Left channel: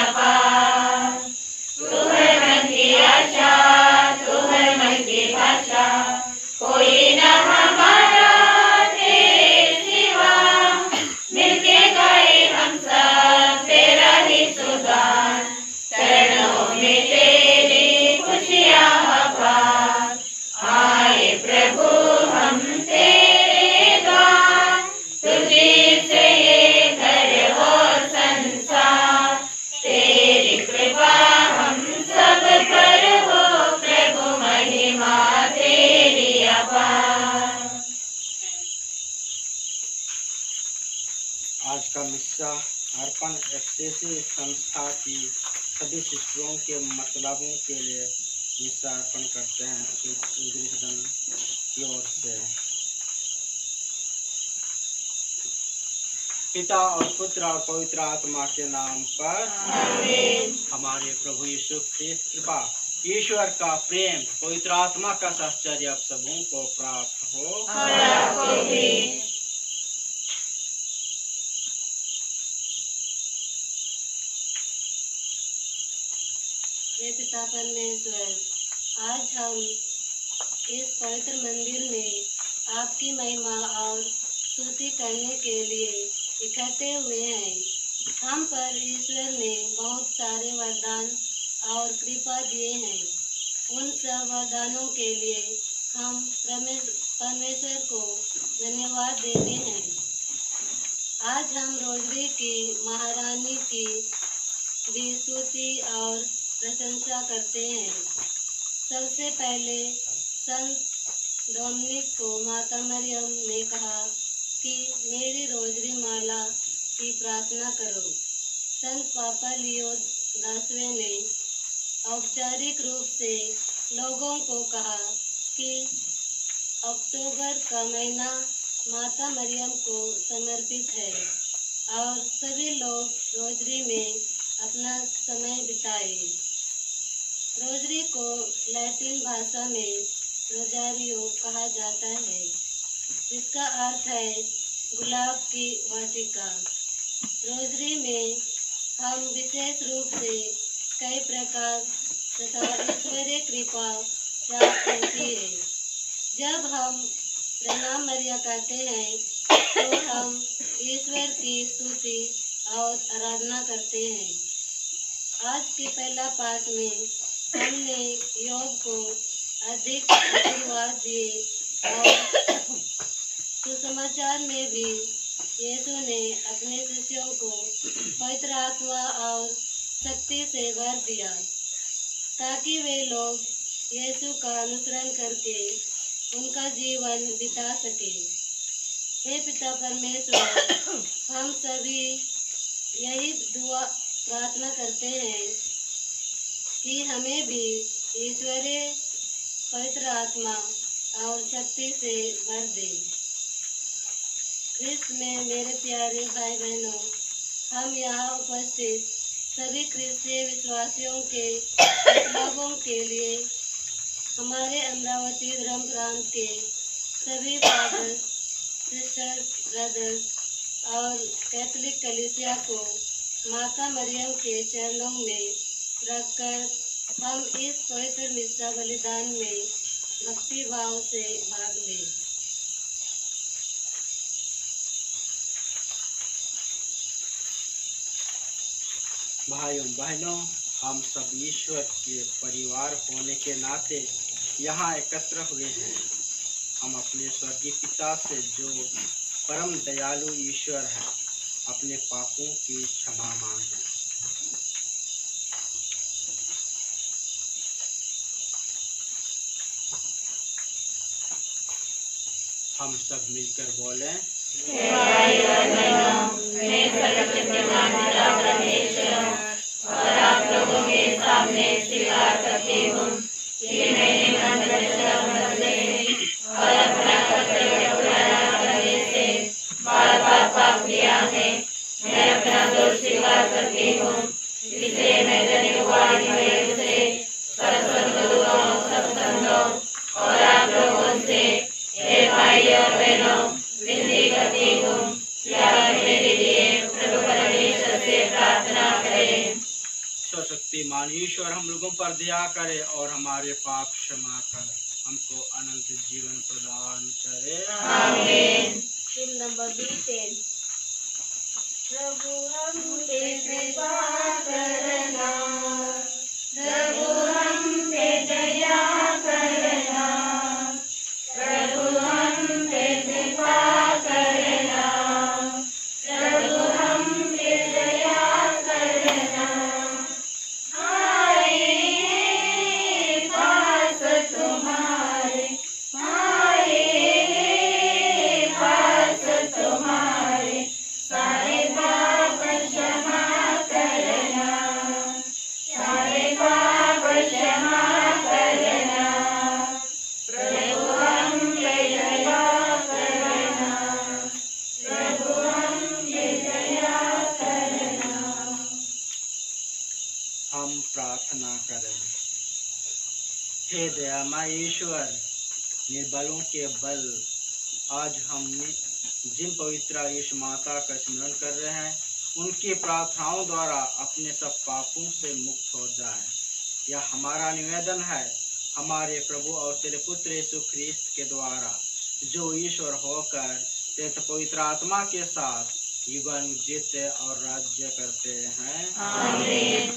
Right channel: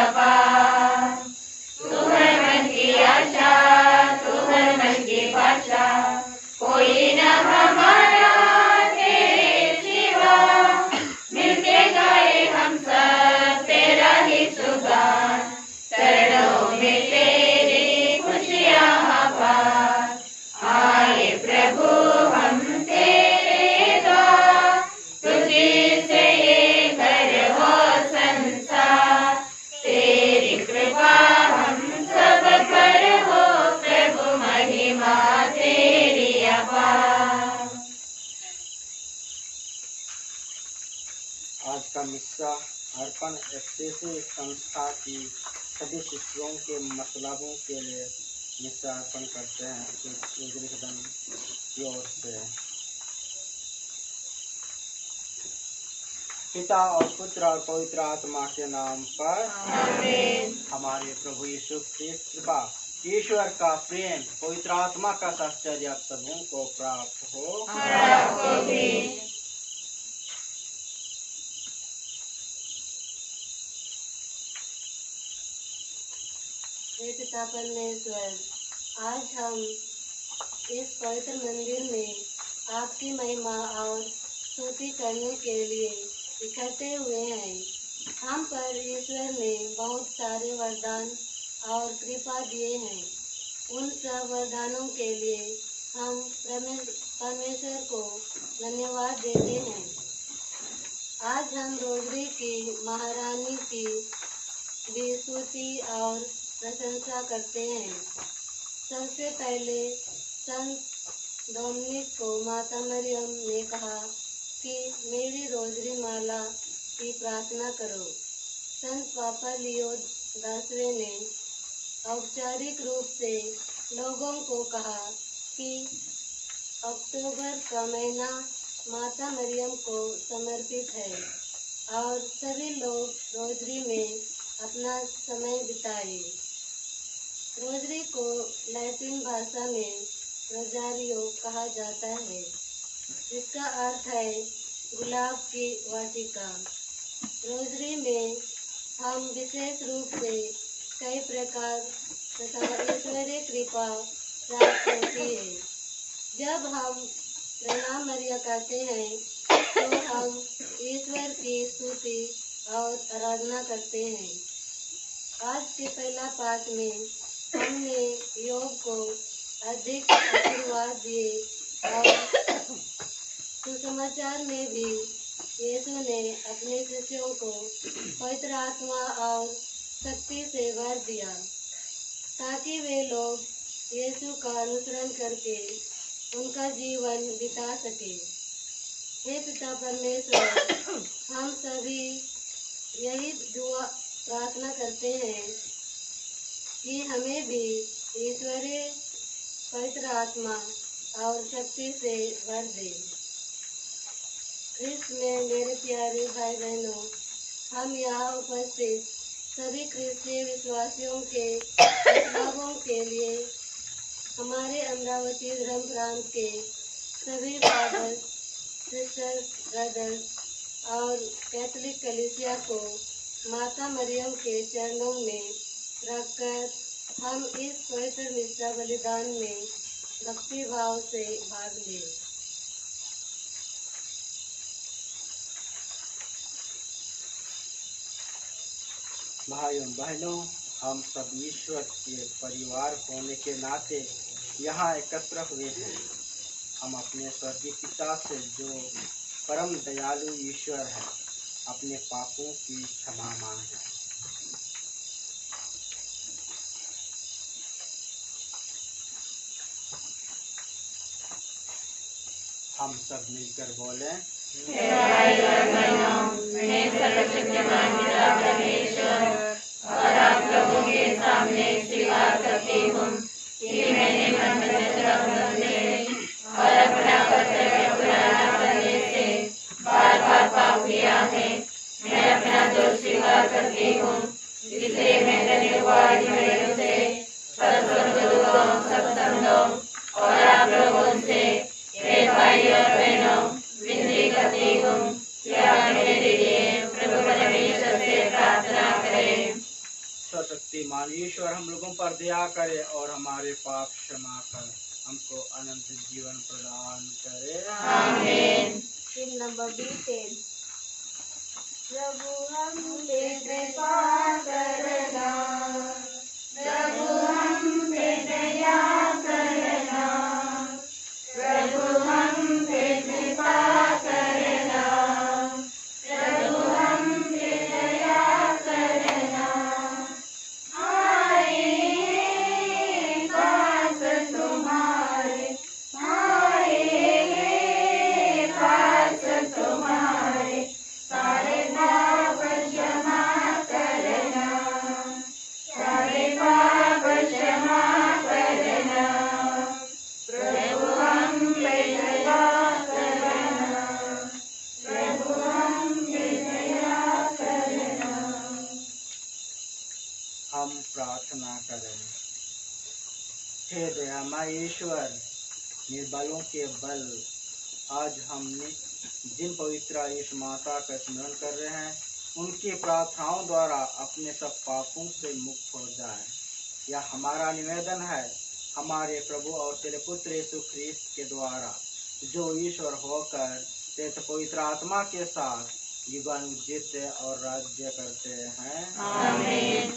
अपार। तू है मन की आशा, तू है मन की भाषा, कोई न हमारा तेरे सिवा। मिलके गाए हम सब तेरा ही सुगान, चरणों में तेरी खुशियाँ अपार। आए प्रभु हम तेरे द्वार, तुझी से ये घर हो संसार। तेरी कृपा हम सब पर हो प्रभु, महिमा तेरी अपार। आज का मिस्सा अर्पण एफसीसी संस्था की सभी शिष्यों के मतलबों के लिए मिस्सा अर्पण करते हैं रोजरी सदन की ओर से। पिता और पुत्र और पवित्र आत्मा के नाम पर आमीन। हमारे प्रभु यीशु ख्रिस्त कृपा, ईश्वर का प्रेम, पवित्र आत्मा का साहचर्य आप सबों को प्राप्त हो। और आपको भी। हे पिता परमेश्वर, आज हम इस पवित्र मंदिर में आपकी महिमा और स्तुति करने के लिए इकट्ठे हुए हैं। हम पर ईश्वर ने बहुत सारे वरदान और कृपा दिए हैं। उन सब वरदानों के लिए हम परमेश्वर को धन्यवाद देते हैं। आज हम रोजरी की महारानी की भी स्तुति और प्रशंसा करते हैं। सबसे पहले संत डोमिनिक को माता मरियम ने कहा कि मेरी रोजरी माला की प्रार्थना करो। संत पापा लियो 10वें ने औपचारिक रूप से लोगों को कहा कि अक्टूबर का महीना माता मरियम को समर्पित है और सभी लोग रोजरी में अपना समय बिताए। रोजरी को लैटिन भाषा में रोजारियो कहा जाता है, जिसका अर्थ है गुलाब की वाटिका। रोजरी में हम विशेष रूप से कई प्रकार तथा ईश्वरीय कृपा प्राप्त होती है। जब हम प्रणाम मरिया कहते हैं तो हम ईश्वर की स्तुति और आराधना करते हैं। आज के पहला पाठ में हमने योग को अधिक आशीर्वाद दिए और सुसमाचार में भी यीशु ने अपने शिष्यों को पवित्र आत्मा और शक्ति से भर दिया ताकि वे लोग यीशु का अनुसरण करके उनका जीवन बिता सके। हे पिता परमेश्वर, हम सभी यही दुआ प्रार्थना करते हैं कि हमें भी ईश्वरीय पवित्र आत्मा और शक्ति से भर दे। ख्रिस्त में मेरे प्यारे भाई बहनों, हम यहाँ उपस्थित सभी क्रिस्तीय विश्वासियों के लोगों के लिए, हमारे अमरावती धर्म प्रांत के सभी फादर, सिस्टर, ब्रदर्स और कैथोलिक कलीसिया को माता मरियम के चरणों में रखकर हम इस पवित्र मिस्सा बलिदान में भक्ति भाव से भाग लें। भाइयों बहनों, हम सब ईश्वर के परिवार होने के नाते यहाँ एकत्र हुए हैं। हम अपने स्वर्गीय पिता से, जो परम दयालु ईश्वर है, अपने पापों की क्षमा मांगें। हम सब मिलकर बोलें। हे भाई और बहनों, मैं सर्वशक्तिमान पिता परमेश्वर और आप लोगों के सामने स्वीकार करती हूँ कि मैंने मन, वचन, कर्म से और अपना कर्तव्य पूरा न करने से बार बार पाप किया है। मैं अपना दोष स्वीकार करती हूँ, इसलिए मैं धन्यवाद से सर्वसंतों, सत्संगों और आप लोगों से, हे भाई और बहनों, विनती करती हूँ कि आप मेरे लिए प्रभु परमेश्वर से प्रार्थना करें। सर्वशक्तिमान ईश्वर हम लोगों पर दया करे और हमारे पाप क्षमा कर हमको अनंत जीवन प्रदान करे। आमीन। Him number B10। प्रभु हम पे कृपा करना, प्रभु हम पे दया करना, प्रभु हम पे कृपा करना, प्रभु हम पे दया करना। आए हैं पास तुम्हारे, आए हैं पास तुम्हारे, सारे पाप क्षमा करना, सारे पाप क्षमा करना, प्रभु हम पे दया करना, प्रभु हम पे दया करना। हम प्रार्थना करें। हे दयामय ईश्वर, निर्बलों के बल आज हमने जिन पवित्र यीशु माता का स्मरण कर रहे हैं उनकी प्रार्थनाओं द्वारा अपने सब पापों से मुक्त हो जाए। यह हमारा निवेदन है हमारे प्रभु और तेरे पुत्र यीशु ख्रिस्त के द्वारा, जो ईश्वर होकर तेरे पवित्र आत्मा के साथ युगानुग जीते और राज्य करते हैं। आमीन।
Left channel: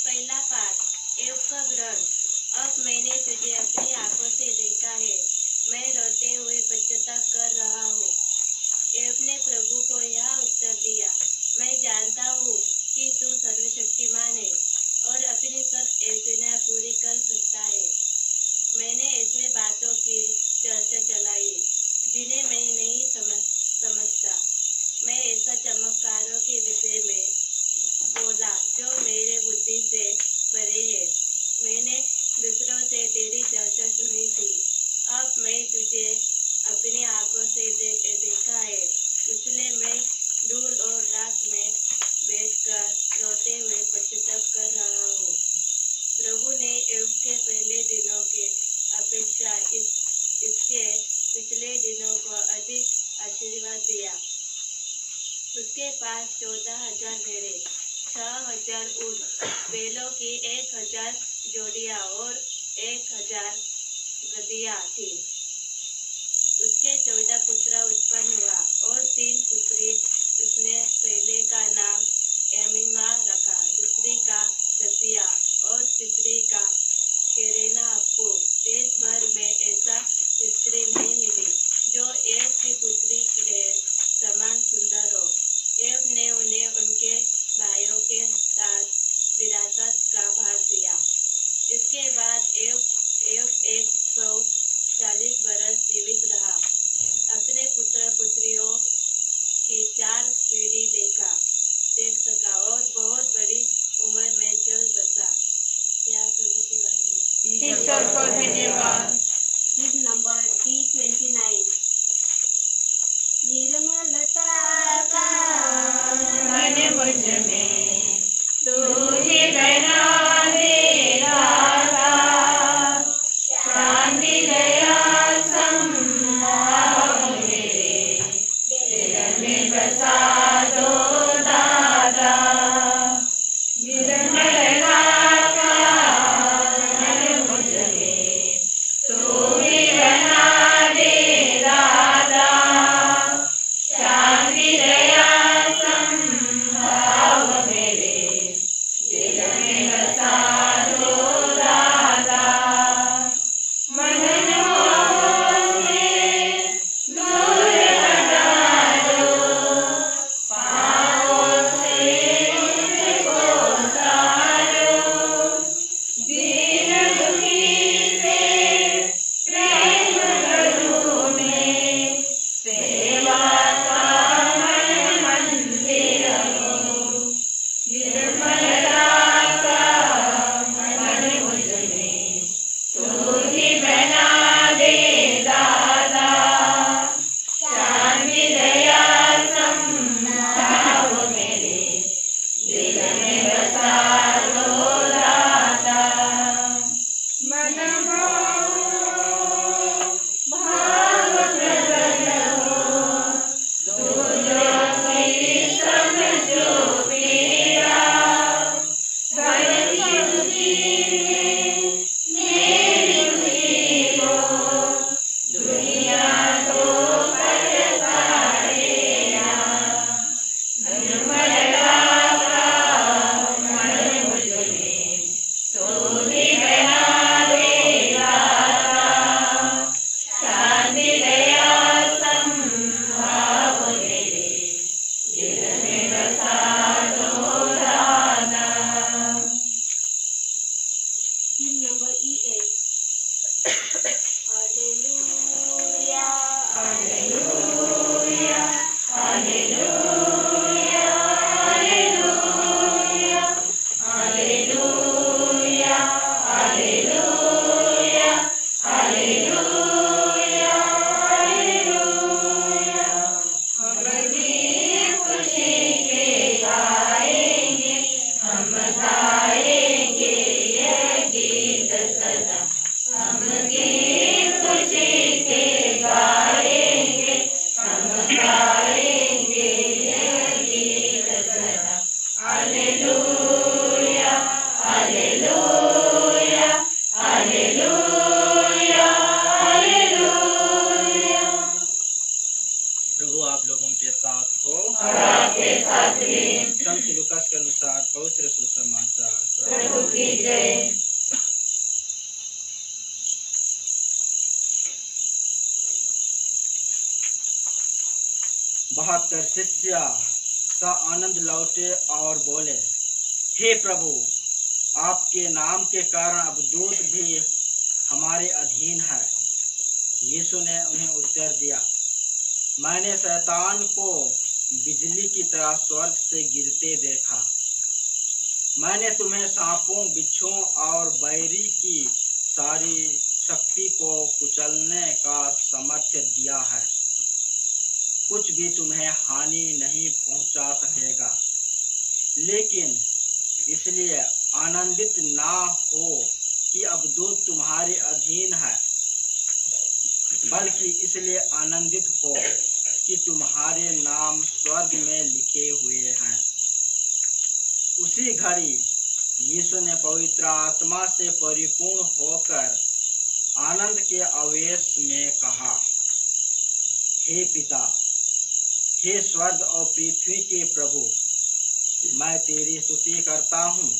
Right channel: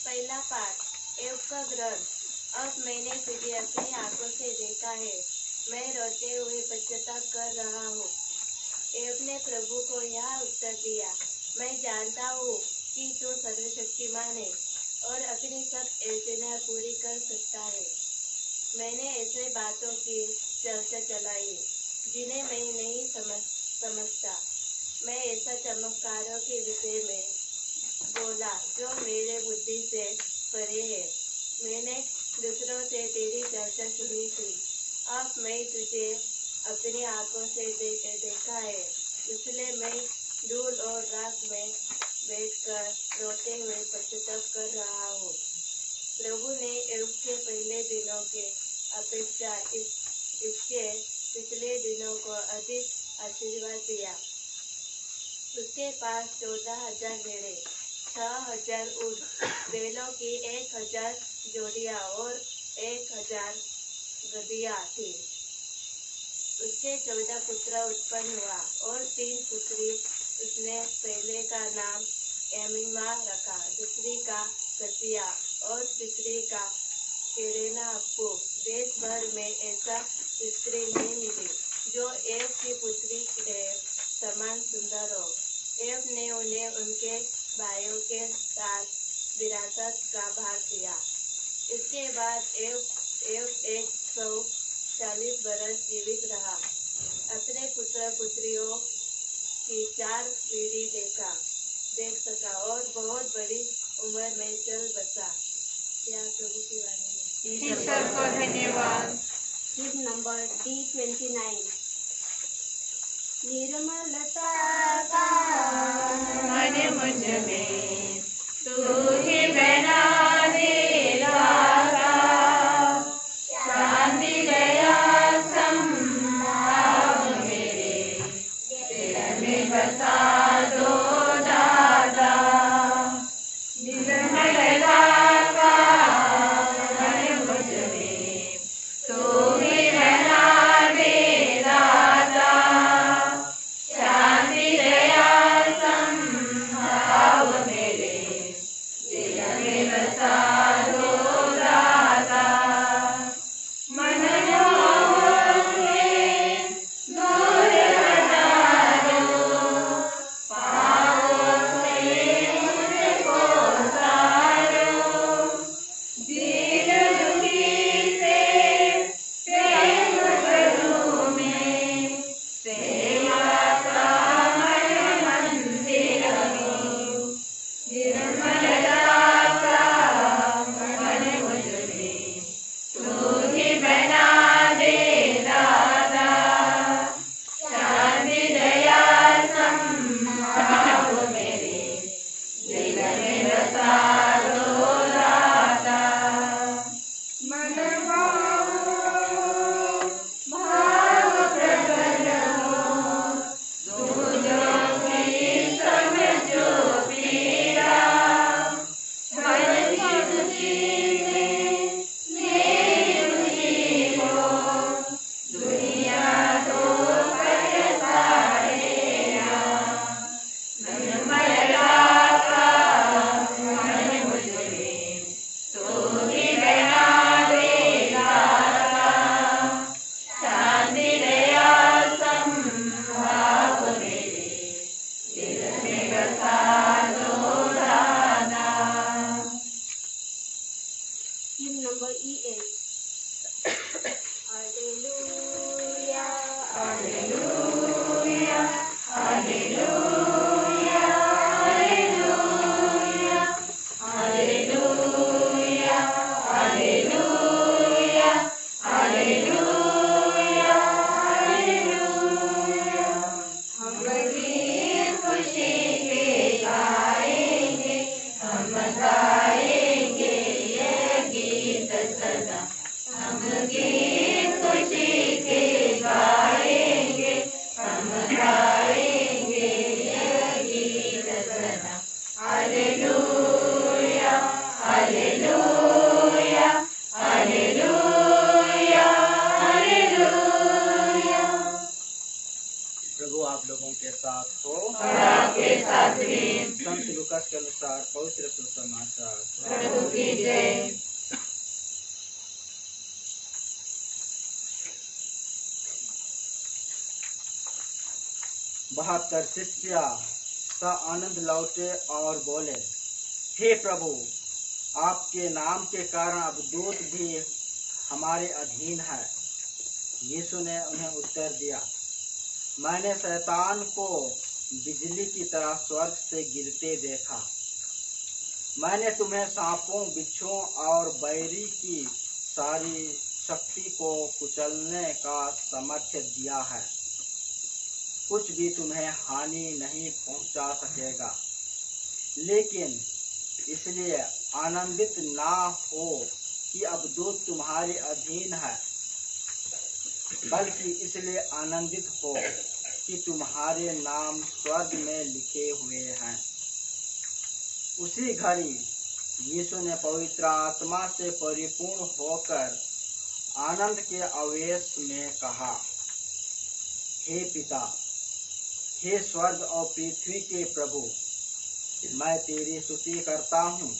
पहला पाठ एव का ग्रंथ। अब मैंने तुझे अपनी आंखों से देखा है, मैं रोते हुए पश्चाताप कर रहा हूँ। एव ने प्रभु को यह उत्तर दिया, मैं जानता हूँ कि तू सर्वशक्तिमान है और अपनी सब योजना पूरी कर सकता है। मैंने ऐसे बातों की चर्चा चलाई जिन्हें मैं नहीं समझता। मैं ऐसा चमत्कारों के विषय में बोला जो मेरे बुद्धि से परे है। मैंने दूसरों से तेरी चर्चा सुनी थी, अब मैं तुझे अपनी आंखों से देखा है, इसलिए मैं धूल और राख में बैठकर रोते हुए पश्चाताप कर रहा हूँ। प्रभु ने एव के पहले दिनों के अपेक्षा इसके पिछले दिनों को अधिक आशीर्वाद दिया। उसके पास 14,000 भेड़े, 6,000 ऊँट, बैलों की 1,000 जोड़ियां और 1,000 गदहियां थी। उसके 14 पुत्र उत्पन्न हुआ और 3 पुत्री। उसने पहले का नाम एमीमा रखा, दूसरी का कसिया और तीसरी का केरेना अप्पू। देश भर में ऐसा स्त्री नहीं मिली जो एव की पुत्री के समान सुंदर हो। एव ने उन्हें उनके भाइयों के साथ विरासत का भाग दिया। इसके बाद एव 140 बरस जीवित रहा, अपने पुत्र पुत्रियों की 4 पीढ़ी देख सका और बहुत बड़ी उम्र में चल बसा। क्या प्रभु की वाणी है। ईश्वर को धन्यवाद। Him number D29। निर्मलता का मन मुझ में तू ही बना दे राधा, शांति दया संभाव मेरे दिल में बसा दो दादा। निर्मलता का मन मुझ में तू ही बना दे राधा, शांति दया संभाव Hymn number E8. Alleluia, Alleluia, Alleluia, Alleluia, Alleluia, Alleluia, Alleluia, Alleluia। हम गीत खुशी के गाएंगे, हम गाएंगे ये गीत सदा। हम गीत खुशी के गाएंगे, हम गाएंगे ये गीत सदा। Hallelujah, hallelujah, hallelujah, hallelujah. प्रभु आप लोगों के साथ हो और आपके साथ भी। संत लूकास के अनुसार पवित्र सुसमाचार। प्रभु की जय। बहत्तर शिष्य सा आनंद लौटे और बोले, हे प्रभु, आपके नाम के कारण अब दूत भी हमारे अधीन है। यीशु ने उन्हें उत्तर दिया, मैंने शैतान को बिजली की तरह स्वर्ग से गिरते देखा। मैंने तुम्हें सांपों, बिच्छुओं और बैरी की सारी शक्ति को कुचलने का सामर्थ्य दिया है। कुछ भी तुम्हें हानि नहीं पहुंचा सकेगा। लेकिन इसलिए आनंदित ना हो कि अब दूत तुम्हारे अधीन है, बल्कि इसलिए आनंदित हो कि तुम्हारे नाम स्वर्ग में लिखे हुए हैं। उसी घड़ी यीशु ने पवित्र आत्मा से परिपूर्ण होकर आनंद के आवेश में कहा, हे पिता, हे स्वर्ग और पृथ्वी के प्रभु, मैं तेरी स्तुति करता हूँ,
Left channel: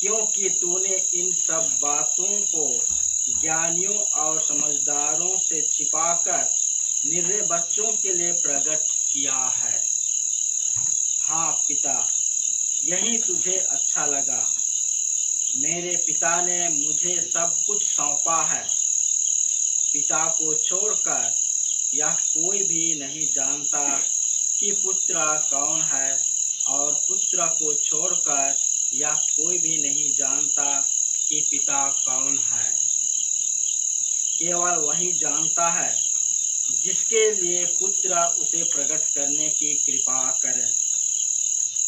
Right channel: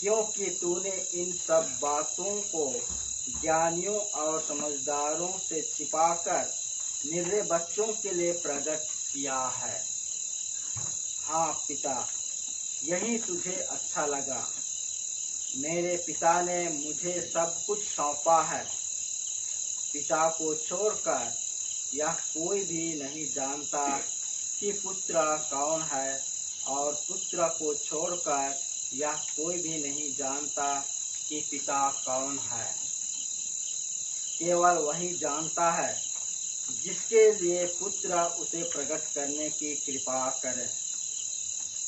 क्योंकि तूने इन सब बातों को ज्ञानियों और समझदारों से छिपाकर निर्दय बच्चों के लिए प्रकट किया है। हाँ पिता, यही तुझे अच्छा लगा। मेरे पिता ने मुझे सब कुछ सौंपा है। पिता को छोड़कर यह कोई भी नहीं जानता कि पुत्र कौन है, और पुत्र को छोड़कर यह कोई भी नहीं जानता कि पिता कौन है। केवल वही जानता है जिसके लिए पुत्र उसे प्रकट करने की कृपा करे।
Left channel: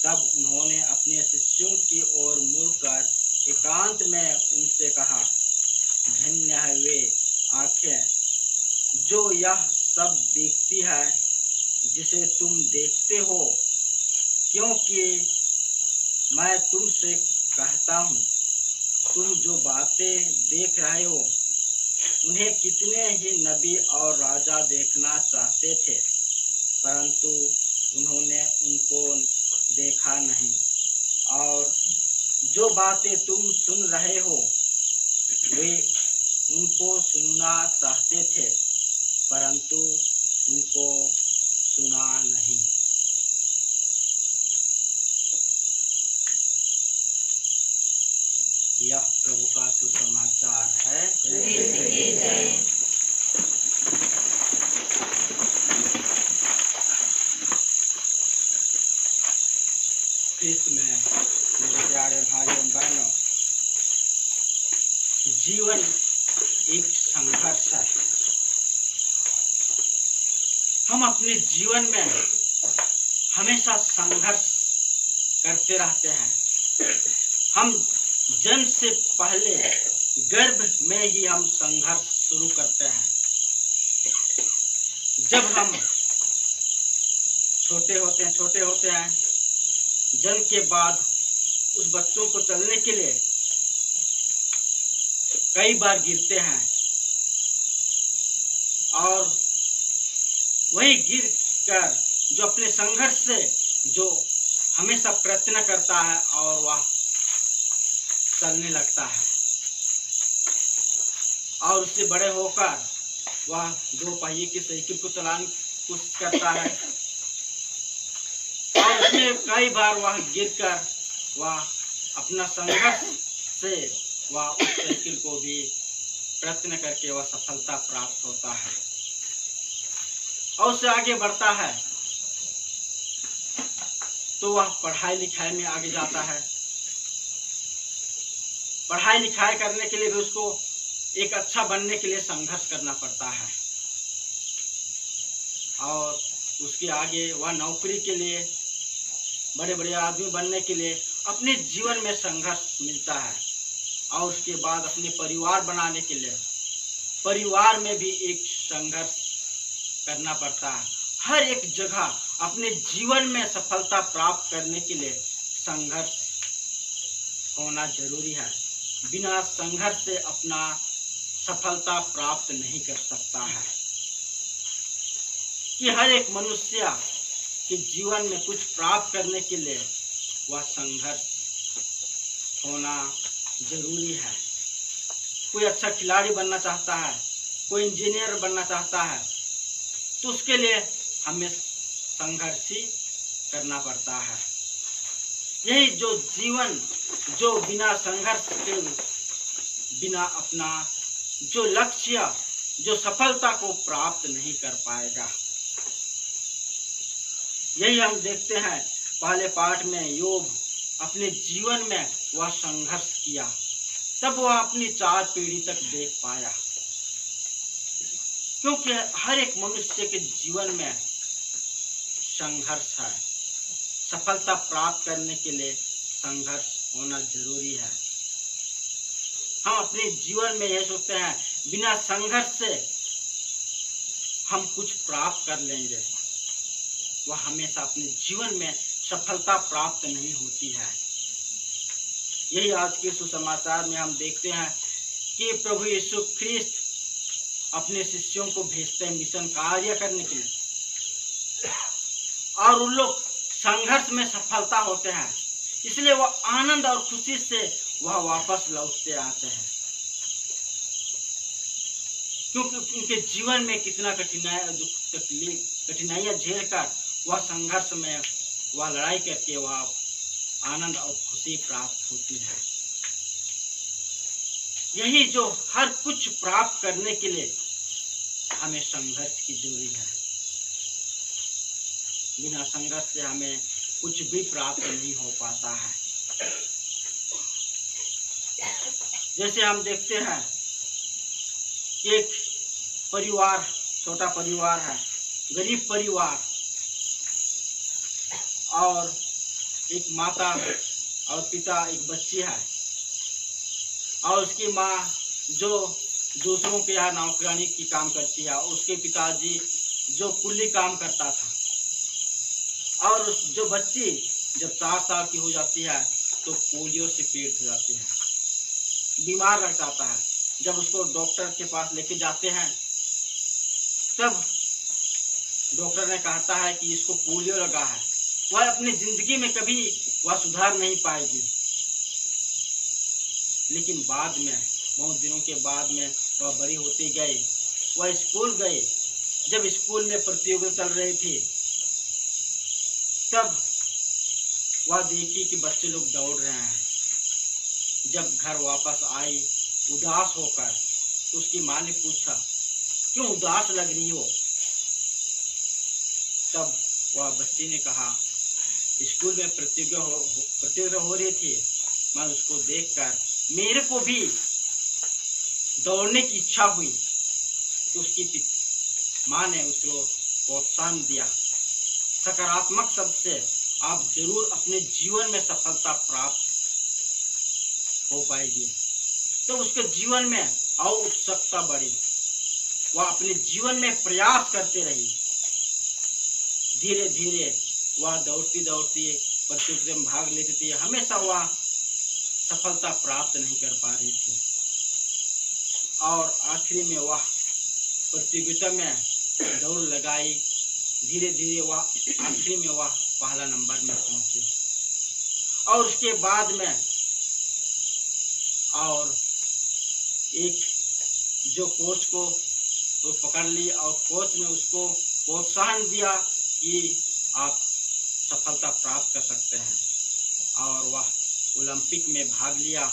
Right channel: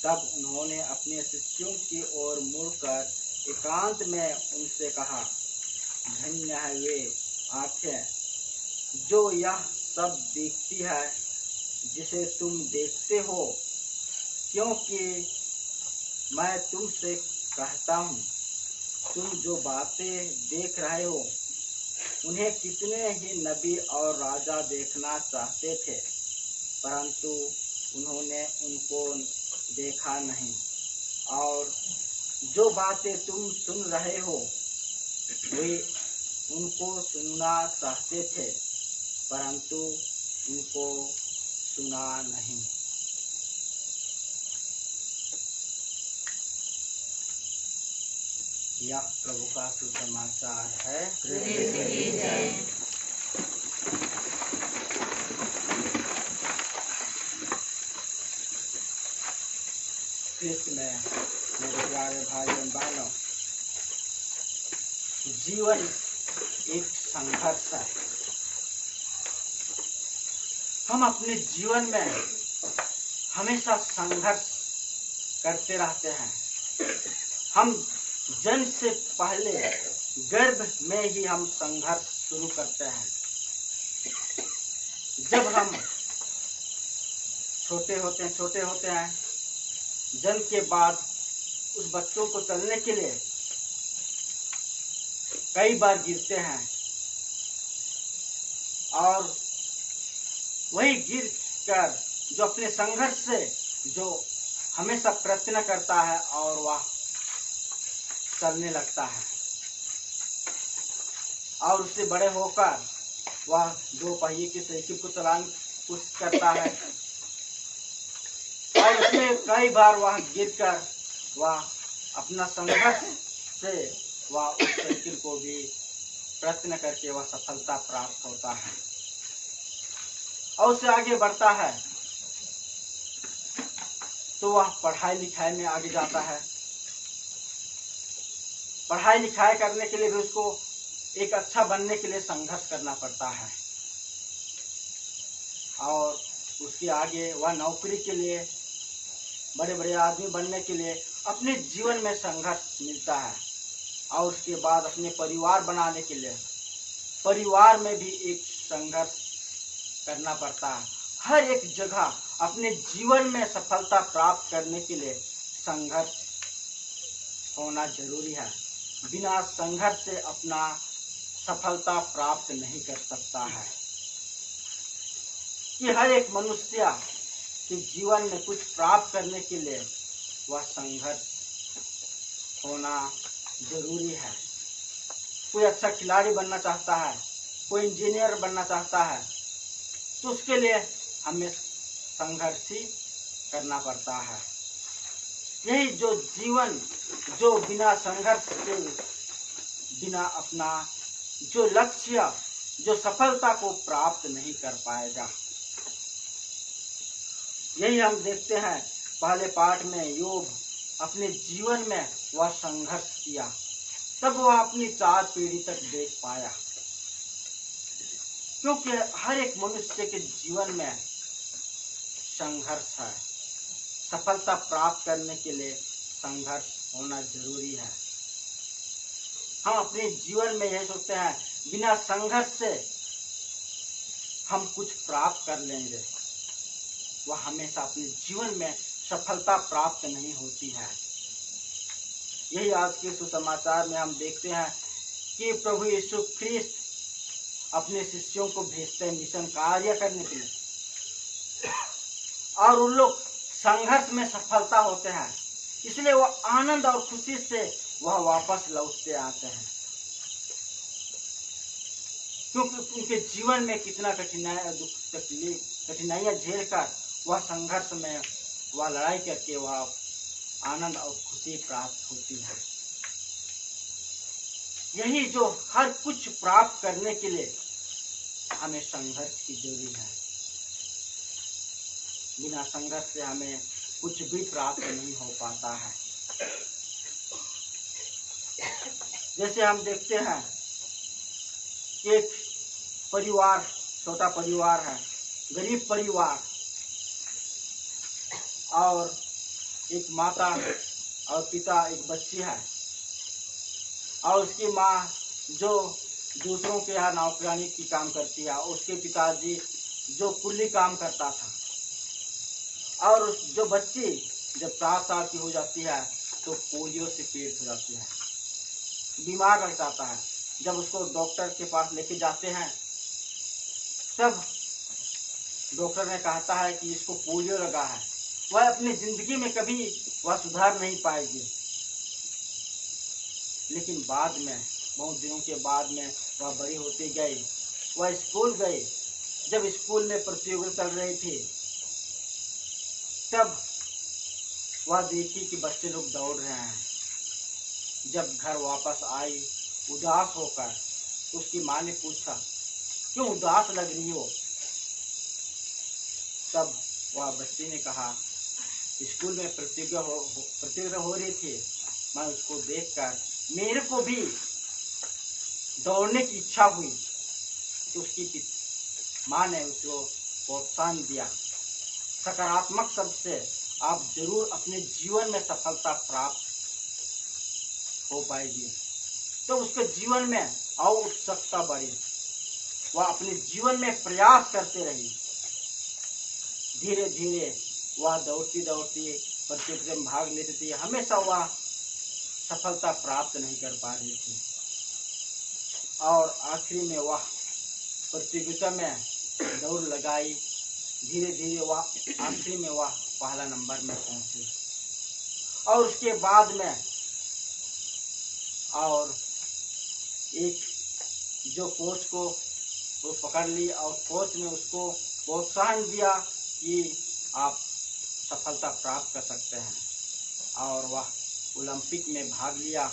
तब उन्होंने अपने शिष्यों की ओर मुड़कर एकांत में उनसे कहा, धन्य है वे आँखें जो यह सब देखती है जिसे तुम देखते हो, क्योंकि मैं तुमसे कहता हूँ, तुम जो बातें देख रहे हो उन्हें कितने ही नबी और राजा देखना चाहते थे, परंतु उन्होंने उनको देखा नहीं। और जो बातें तुम सुन रहे हो वे उनको सुनना चाहते थे, परंतु उनको सुना नहीं। यह प्रभु का सुसमाचार है। ख्रिस्त में मेरे प्यारे भाइयों बहनों, जीवन एक संघर्ष है। हम अपने जीवन में हमेशा संघर्ष करते रहते हैं। हम जन्म से पहले गर्भ में ही हम संघर्ष शुरू करते हैं। जब हम छोटे होते हैं, जन्म के बाद उस बच्चों को चलने के लिए कई बार गिरते हैं, और वही गिर कर जो अपने संघर्ष से जो हमेशा प्रयत्न करता है और वह चलने लगता है और उससे बड़े होकर वह 2 पहिए की साइकिल को चलाने की कोशिश करता है और उसमें कई बार वह गिरकर वह अपना संघर्ष से वह उस साइकिल को भी प्रयत्न करके वह सफलता प्राप्त होता है और उससे आगे बढ़ता है तो वह पढ़ाई लिखाई में आगे जाता है। पढ़ाई लिखाई करने के लिए भी उसको एक अच्छा बनने के लिए संघर्ष करना पड़ता है और उसके आगे वह नौकरी के लिए, बड़े बड़े आदमी बनने के लिए अपने जीवन में संघर्ष मिलता है और उसके बाद अपने परिवार बनाने के लिए परिवार में भी एक संघर्ष करना पड़ता है। हर एक जगह अपने जीवन में सफलता प्राप्त करने के लिए संघर्ष होना जरूरी है। बिना संघर्ष से अपना सफलता प्राप्त नहीं कर सकता है। कि हर एक मनुष्य के जीवन में कुछ प्राप्त करने के लिए वह संघर्ष होना जरूरी है। कोई अच्छा खिलाड़ी बनना चाहता है, कोई इंजीनियर बनना चाहता है, तो उसके लिए हमें संघर्ष ही करना पड़ता है। यही जो जीवन जो बिना संघर्ष के बिना अपना जो लक्ष्य जो सफलता को प्राप्त नहीं कर पाएगा। यही हम देखते हैं पहले पाठ में योग अपने जीवन में वह संघर्ष किया, तब वह अपनी 4 पीढ़ी तक देख पाया। क्योंकि हर एक मनुष्य के जीवन में संघर्ष है। सफलता प्राप्त करने के लिए संघर्ष होना जरूरी है। हम अपने जीवन में यह सोचते हैं बिना संघर्ष से हम कुछ प्राप्त कर लेंगे, वह हमेशा अपने जीवन में सफलता प्राप्त नहीं होती है। यही आज के सुसमाचार में हम देखते हैं कि प्रभु यीशु ख्रिस्त अपने शिष्यों को भेजते हैं मिशन कार्य करने के लिए और उन लोग संघर्ष में सफलता होते हैं, इसलिए वह आनंद और खुशी से वह वापस लौटते आते हैं। क्योंकि उनके जीवन में कितना कठिनाइयां झेल कर वह संघर्ष में वह लड़ाई करके वह आनंद और खुशी प्राप्त होती है। यही जो हर कुछ प्राप्त करने के लिए हमें संघर्ष की जरूरी है। बिना संघर्ष से हमें कुछ भी प्राप्त नहीं हो पाता है। जैसे हम देखते हैं कि एक परिवार, छोटा परिवार है, गरीब परिवार, और एक माता और पिता, एक बच्ची है और उसकी माँ जो दूसरों के यहाँ नौकरानी की काम करती है, उसके पिताजी जो कुल्ली काम करता था। और जो बच्ची जब 4 साल की हो जाती है तो पोलियो से पीड़ित हो जाती है, बीमार रह जाता है। जब उसको डॉक्टर के पास लेके जाते हैं तब डॉक्टर ने कहता है कि इसको पोलियो लगा है, वह अपनी जिंदगी में कभी वह सुधार नहीं पाएगी। लेकिन बाद में, बहुत दिनों के बाद में वह बड़ी होती गई, वह स्कूल गई। जब स्कूल में प्रतियोगिता चल रही थी तब वह देखी कि बच्चे लोग दौड़ रहे हैं। जब घर वापस आई उदास होकर, तो उसकी माँ ने पूछा क्यों उदास लग रही हो? तब वह बच्ची ने कहा स्कूल में प्रतियोगिता हो रही थी, मैं उसको देखकर मेरे को भी दौड़ने की इच्छा हुई। तो उसकी माँ ने उसको प्रोत्साहन दिया, सकारात्मक शब्द से आप जरूर अपने जीवन में सफलता प्राप्त हो पाएगी। तो उसके जीवन में और उत्सुकता बढ़ी, वह अपने जीवन में प्रयास करते रही। धीरे धीरे वह दौड़ती दौड़ती प्रतियोगिता में भाग लेती थी, हमेशा वह सफलता प्राप्त नहीं कर पा रही थी और आखिरी में वह प्रतियोगिता में दौड़ लगाई। धीरे धीरे वह आखिरी में वह पहला नंबर में पहुंची। और उसके बाद में और एक जो कोच को वो पकड़ ली और कोच ने उसको प्रोत्साहन दिया कि आप सफलता प्राप्त कर सकते हैं, और वह ओलंपिक में भाग लिया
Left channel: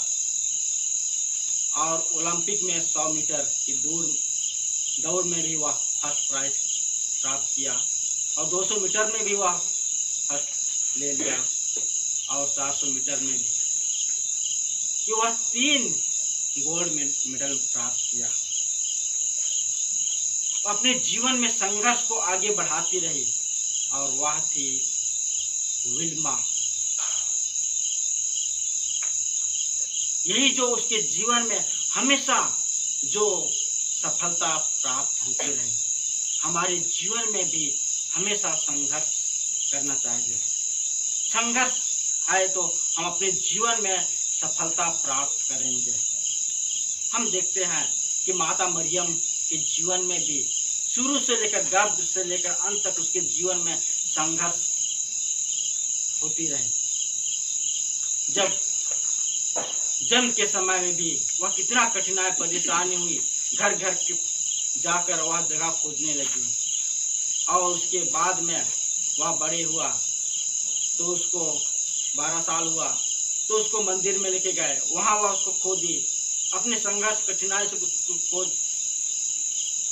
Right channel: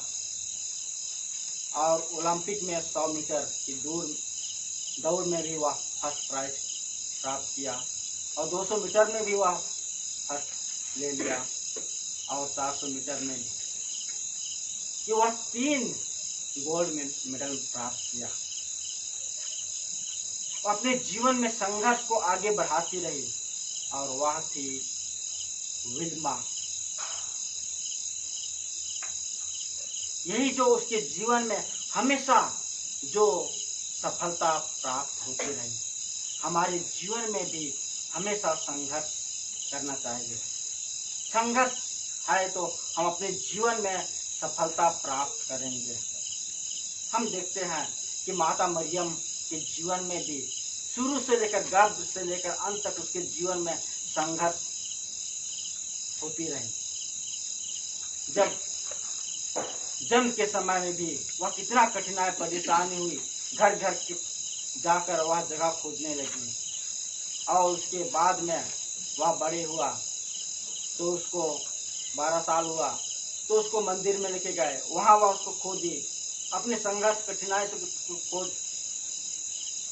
और ओलंपिक में 100 मीटर की दौड़ में भी वह फर्स्ट प्राइज प्राप्त किया और 200 मीटर में भी वह फर्स्ट ले लिया और 400 मीटर में भी कि वह 3 गोल्ड मेडल प्राप्त किया। अपने जीवन में संघर्ष को आगे बढ़ाती रही और वह थी विल्मा। यही जो उसके जीवन में हमेशा जो सफलता प्राप्त होती रही। हमारे जीवन में भी हमेशा संघर्ष करना चाहिए। संघर्ष है तो हम अपने जीवन में सफलता प्राप्त करेंगे। हम देखते हैं कि माता मरियम के जीवन में भी शुरू से लेकर गर्भ से लेकर अंत तक उसके जीवन में संघर्ष होती रही। जब जन्म के समय में भी वह कितना कठिनाई परेशानी हुई, घर घर के जाकर वह जगह खोजने लगी और उसके बाद में वह बड़े हुआ तो उसको 12 साल हुआ तो उसको मंदिर में लेके गए, वहाँ वह उसको खोदी। अपने संघर्ष कठिनाई से खोज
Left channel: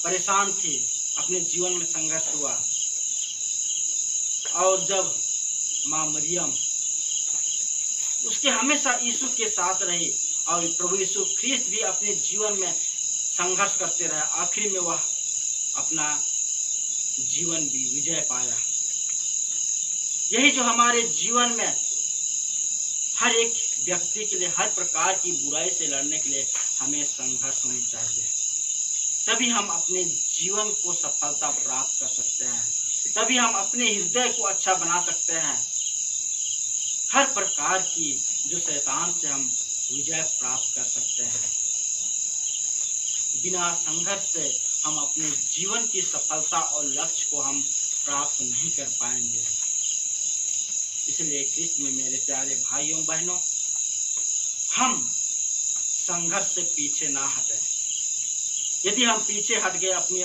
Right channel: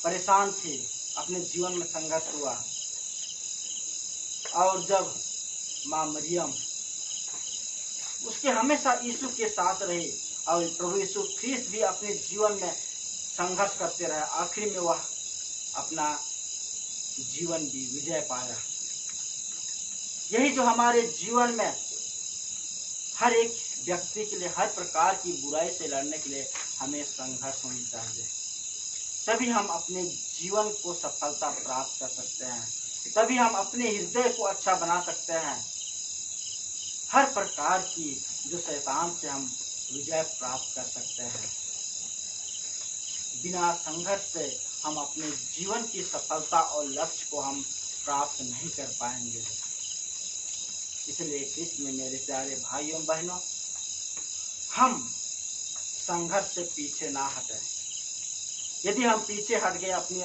परेशान थी, अपने जीवन में संघर्ष हुआ। और जब माँ मरियम उसके हमेशा यीशु के साथ रही और प्रभु यीशु ख्रीस्त भी अपने जीवन में संघर्ष करते रहे, आखिर में वह अपना जीवन भी विजय पाया। यही जो हमारे जीवन में हर एक व्यक्ति के लिए हर प्रकार की बुराई से लड़ने के लिए हमें संघर्ष होनी चाहिए, तभी हम अपने जीवन को सफलता प्राप्त कर सकते हैं, तभी हम अपने हृदय को अच्छा बना सकते हैं। हर प्रकार की जो शैतान से हम विजय प्राप्त कर सकते हैं। बिना संघर्ष से हम अपने जीवन की सफलता और लक्ष्य को हम प्राप्त नहीं कर पाएंगे। इसलिए ख्रीस्त में मेरे प्यारे भाइयों बहनों, हम संघर्ष से पीछे ना हटें। यदि हम पीछे हट गए अपनी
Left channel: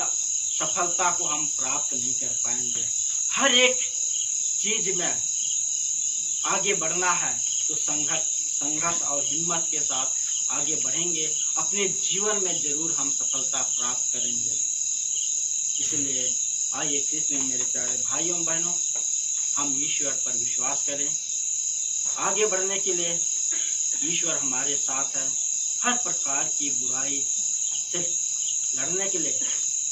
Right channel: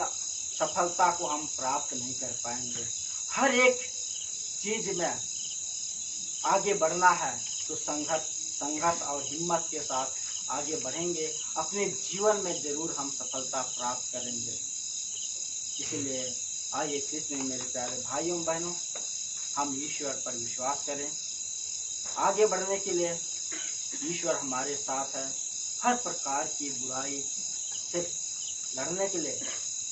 सफलता को हम प्राप्त नहीं कर पाएंगे। हर एक चीज में आगे बढ़ना है तो संघर्ष और हिम्मत के साथ आगे बढ़ेंगे, अपने जीवन में जरूर हम सफलता प्राप्त करेंगे। इसलिए आइए ख्रीस्त में मेरे प्यारे भाइयों बहनों, हम ईश्वर पर विश्वास करें। आगे बढ़ने के लिए ईश्वर हमारे साथ है। हर प्रकार की बुराई से लड़ने के लिए,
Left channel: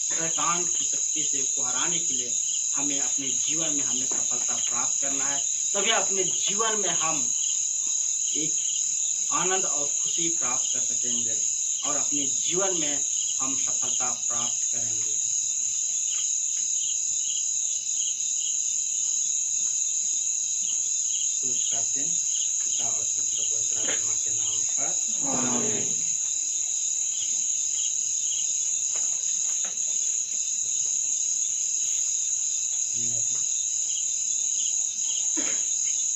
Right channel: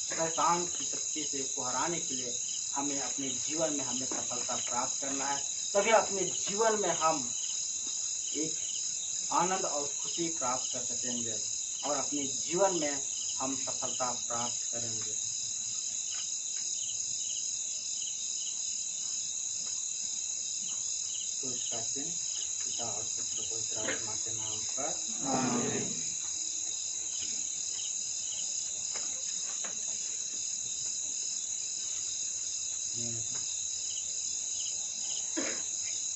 शैतान की शक्ति से को हराने के लिए हमें अपने जीवन में हमें सफलता प्राप्त करना है। तभी अपने जीवन में हम एक आनंद और खुशी प्राप्त कर सकेंगे और अपने जीवन में हम सफलता प्राप्त करेंगे। तो इसका दिन पिता और पुत्र पवित्र आत्मा के नाम पर आमीन।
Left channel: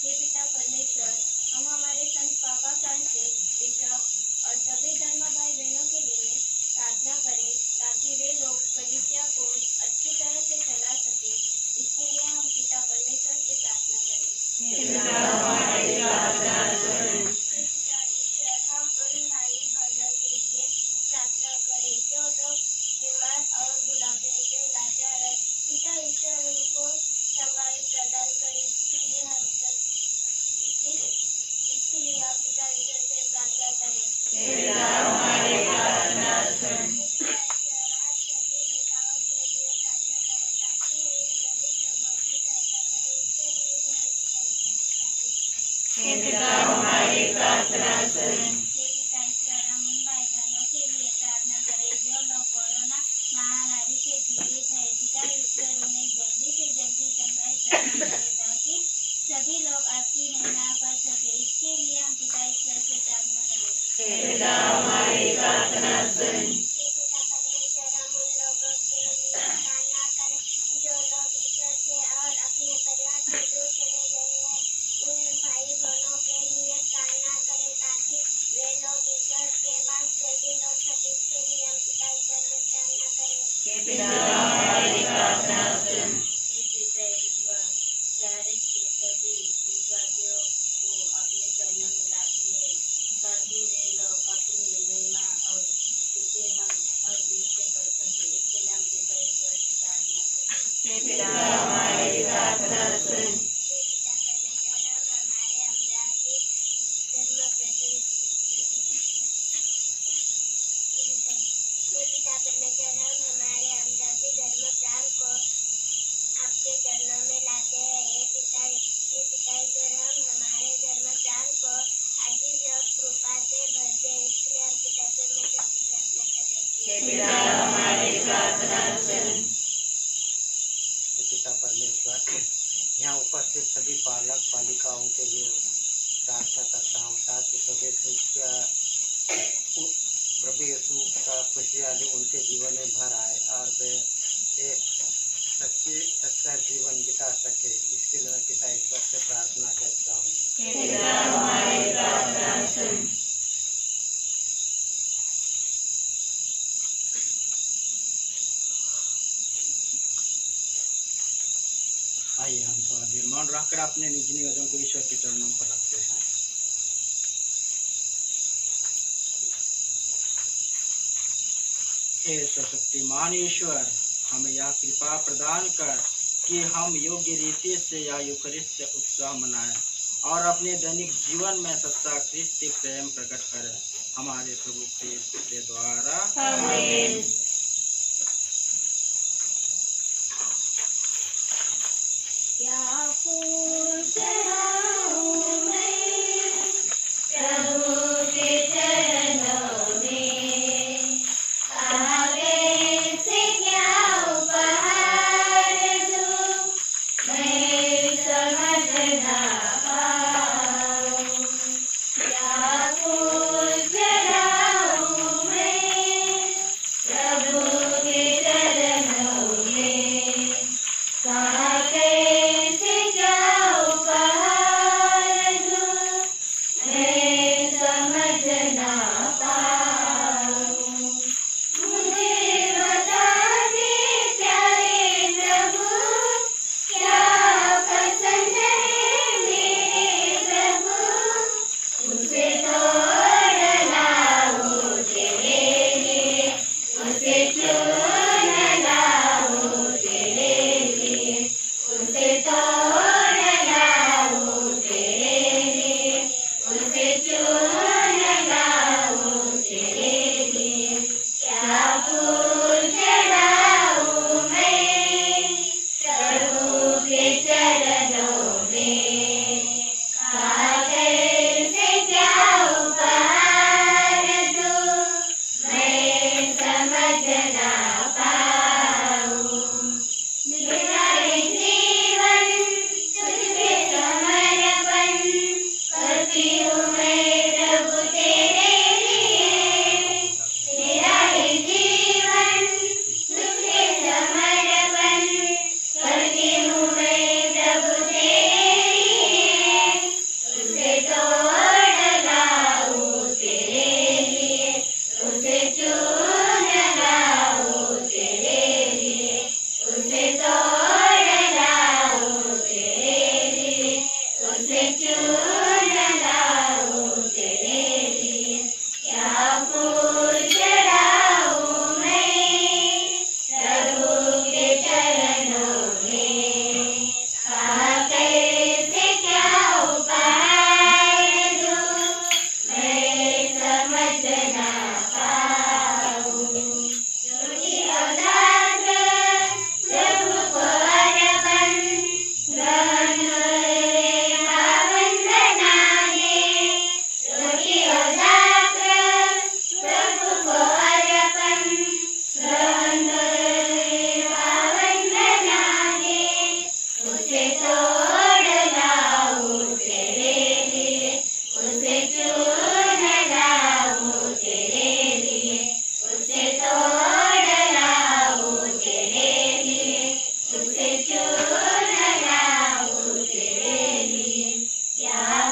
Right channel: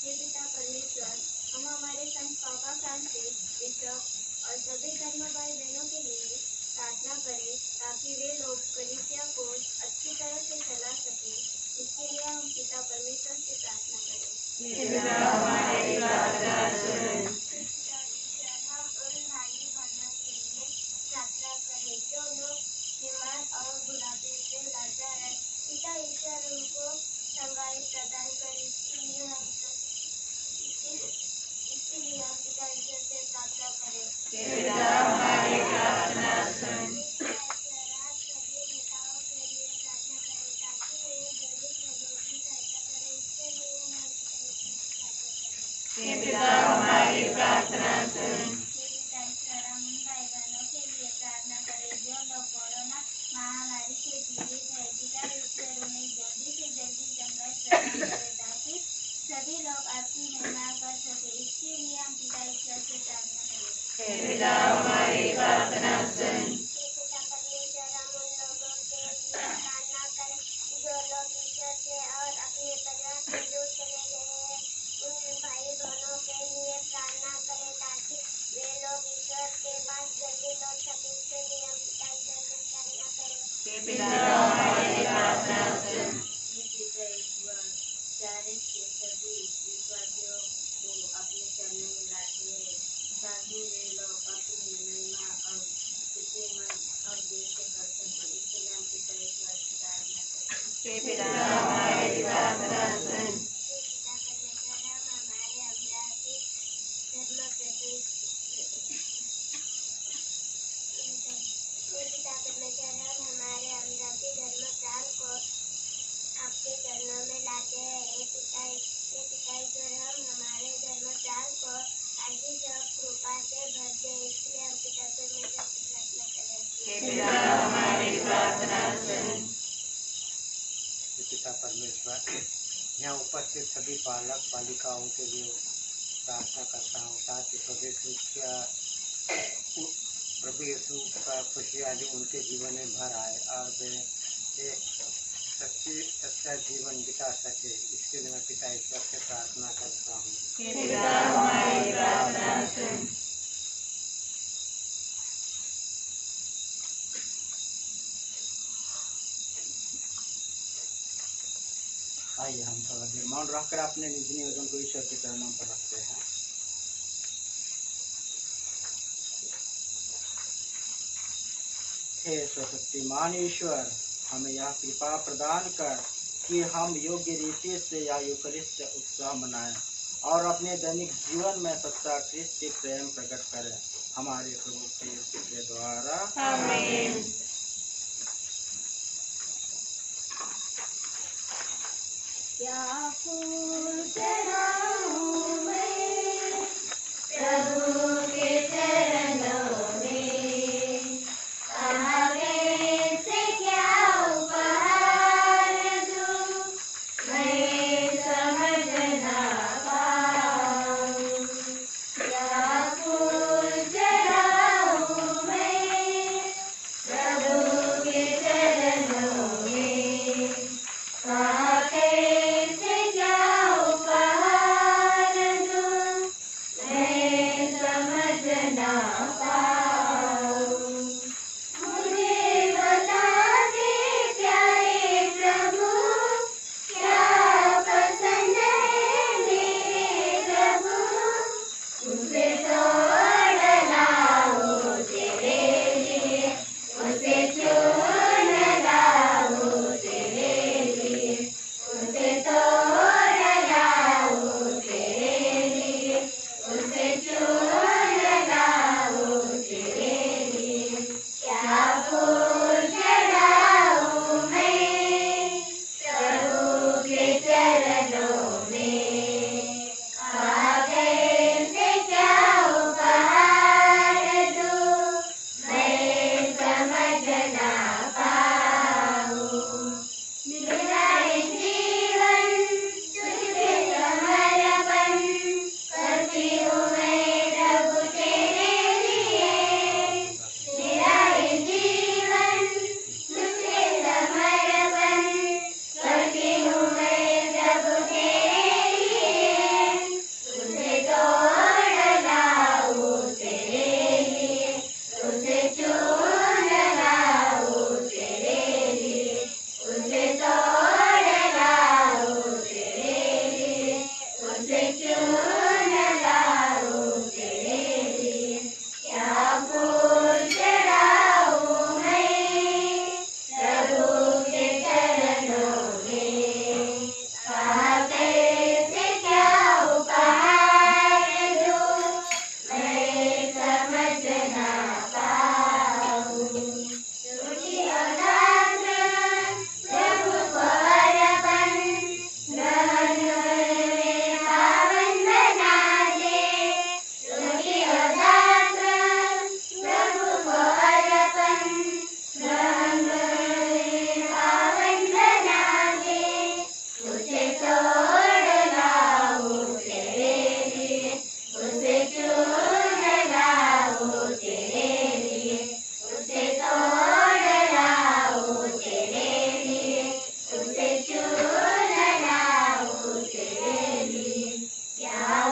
हे पिता परमेश्वर, हम हमारे संत पापा फ्रांसिस, बिशप और सभी धर्म भाई बहनों के लिए प्रार्थना करें ताकि वे लोग कलीसिया को अच्छी तरह से चला सके। इसके लिए हम पिता परमेश्वर से प्रार्थना करें। पिता ईश्वर, हम उन भाई बहनों के लिए प्रार्थना करें जो लोग बीमार और बुढ़ापे से लाचार है। पिता ईश्वर, उनको चंगाई प्रदान करें। इसलिए हम पिता ईश्वर से प्रार्थना करें। सभी नेताओं के लिए प्रार्थना करें ताकि वे गरीब लोगों की सहायता करें। इसके लिए हम पिता ईश्वर हम उन भाई बहनों के लिए प्रार्थना करें जो लोग कोरोना महामारी से पीड़ित है। पिता ईश्वर उन्हें जल्दी से जल्दी चंगाई प्रदान करें ताकि सभी लोग आपकी महिमा कर सके। इसके लिए हम पिता ईश्वर से प्रार्थना करें। पिता परमेश्वर, हम उन लोगों के लिए प्रार्थना करें जो लोग ईश्वर से और अपने परिवार से दूर चले गए हैं। उन भाई भाई बहनों के लिए प्रार्थना करें ताकि वे लोग ईश्वर के पास जल्दी लौट सकें। इसके लिए हम पिता ईश्वर से प्रार्थना करें। हे पिता हमारी प्रार्थना सुन। हे पिता ईश्वर, चारिस के सभी विश्वासियों को अपने चरणों में लाते हैं ताकि वे लोग अपनी महिमा और स्तुति मन और दिल से कर सके। इसके लिए हम पिता ईश्वर से प्रार्थना करें। हे पिता हमारी प्रार्थना सुन। हे पिता परमेश्वर, हम हमारे अमरावती धर्म प्राण को आपके चरणों में लाते हैं। हे पिता ईश्वर, हम हमारे धर्म प्राण को आशीष और कृपा से भर दे। इसलिए हम पिता परमेश्वर से प्रार्थना करें। हे पिता हमारी प्रार्थना सुन। पिता परमेश्वर, यहाँ उपस्थित सभी बालक बालिकाओं के लिए प्रार्थना करता हूँ ताकि प्रभु यीशु का खुशहाली उनके जीवन में भर आए और वे एक सच्चा जीवन बिता सके। इसके लिए मैं पिता ईश्वर से प्रार्थना करता हूँ। हे पिता हमारी प्रार्थना सुन। आइए हम थोड़ा देर मौन रखकर अपने निजी निवेदन को ईश्वर के चरणों पर रखते हैं। हे सर्वशक्तिमान ईश्वर, हमें यह कृपा प्रदान कर कि हम योग्य रीति से या यूकरिस्ट उत्साह मनाएं और अपने दैनिक जीवन में सच्चा ख्रिस्ती प्रेम प्रकट करें। हमारे प्रभु यीशु के द्वारा आमीन। क्या फूल चढ़ाऊं मैं प्रभु के चरणों में, आगे से क्या उपहार दूं, मैं समझ ना पाऊं। क्या फूल चढ़ाऊं मैं प्रभु के चरणों में, कैसे क्या उपहार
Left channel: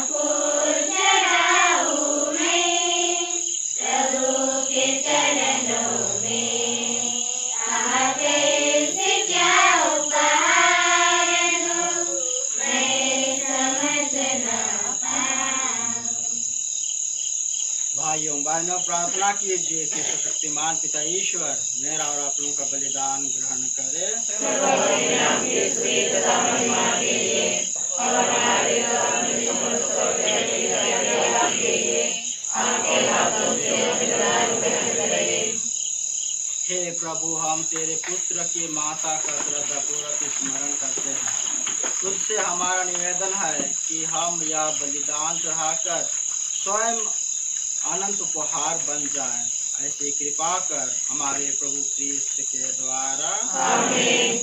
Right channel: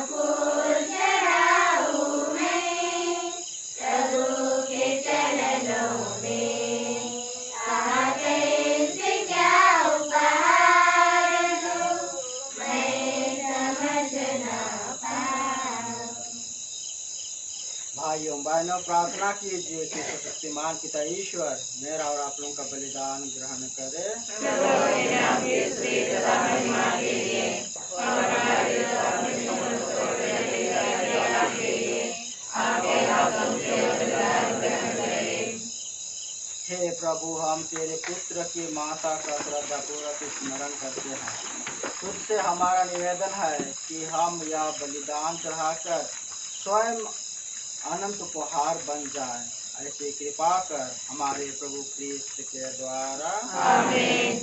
फूल चढ़ाऊं मैं प्रभु के चरणों में, आगे से क्या उपहार दूं मैं समझ ना पाऊं। भाइयों बहनों, प्रार्थना कीजिए कि सर्वशक्तिमान पिता ईश्वर मेरा और आप लोगों का बलिदान ग्रहण करे। हे प्रभु, हम तेरे पुत्र की माता का श्रद्धापूर्वक स्मरण करते हैं। तुझसे हमारा निवेदन है कि हम यह बलिदान चढ़ाकर स्वयं अनंत उपहार बन जाए। ऐसी कृपा कर हमारे प्रभु क्रिस्त के द्वारा। आमीन।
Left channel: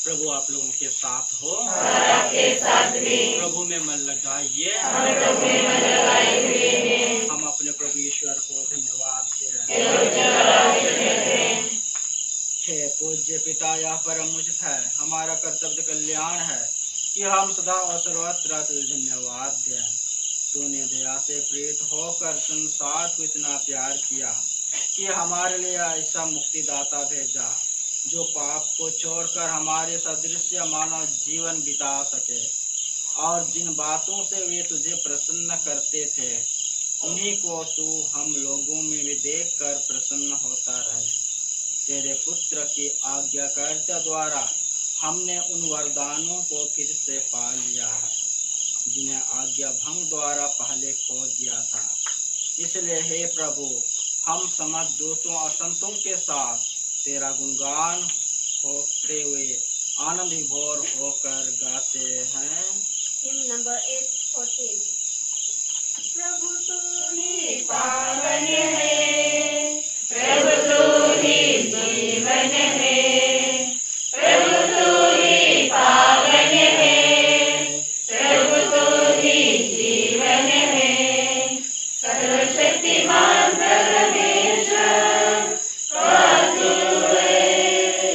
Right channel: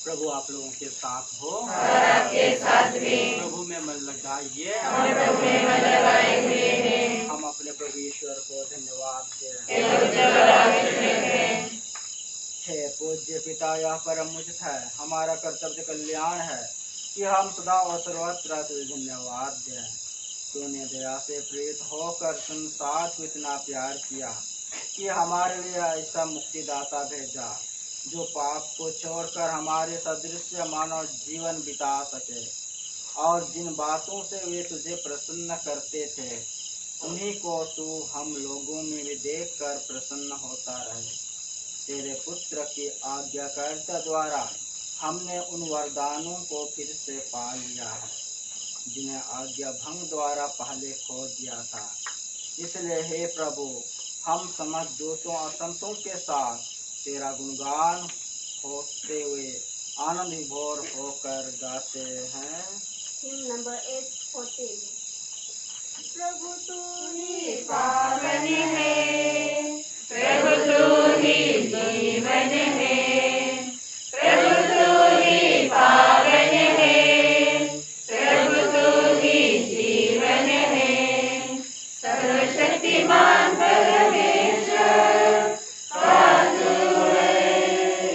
प्रभु आप लोगों के साथ हो, आपके साथ भी। प्रभु में मन लगाइए। हम अपने प्रभु ईश्वर को धन्यवाद दें। हे पूज्य पिता, यह परम उचित है, हमारा कर्तव्य कल्याण है कि हम सदा और सर्वत्र तुझे धन्यवाद दें। तूने दया से प्रेरित होकर संसार को इतना प्यार किया कि हमारे लिए ऐसा मुक्तिदाता भेजा जो पाप को छोड़कर हमारे सदृश मानव जीवन बिता सके, और जिन बातों से वे तुझे प्रसन्न करते थे उन्हीं को तू हम लोगों में भी देख कर प्रसन्न होता रहे। तेरे पुत्र की आज्ञाकारिता द्वारा हमने उन वरदानों को फिर से पा लिया है जिन्हें आज्ञा भंग द्वारा पहले खो दिया था। इसलिए हे प्रभु, हम समस्त दूतों और संतों के साथ तेरा गुणगान होते हुए आनंद विभोर होकर गाते हैं। Him number 814। प्रभु तू ही पावन है, प्रभु तू ही जीवन है, प्रभु तू ही पावन है, प्रभु तू ही जीवन है। सर्वशक्तिमान परमेश्वर का तू है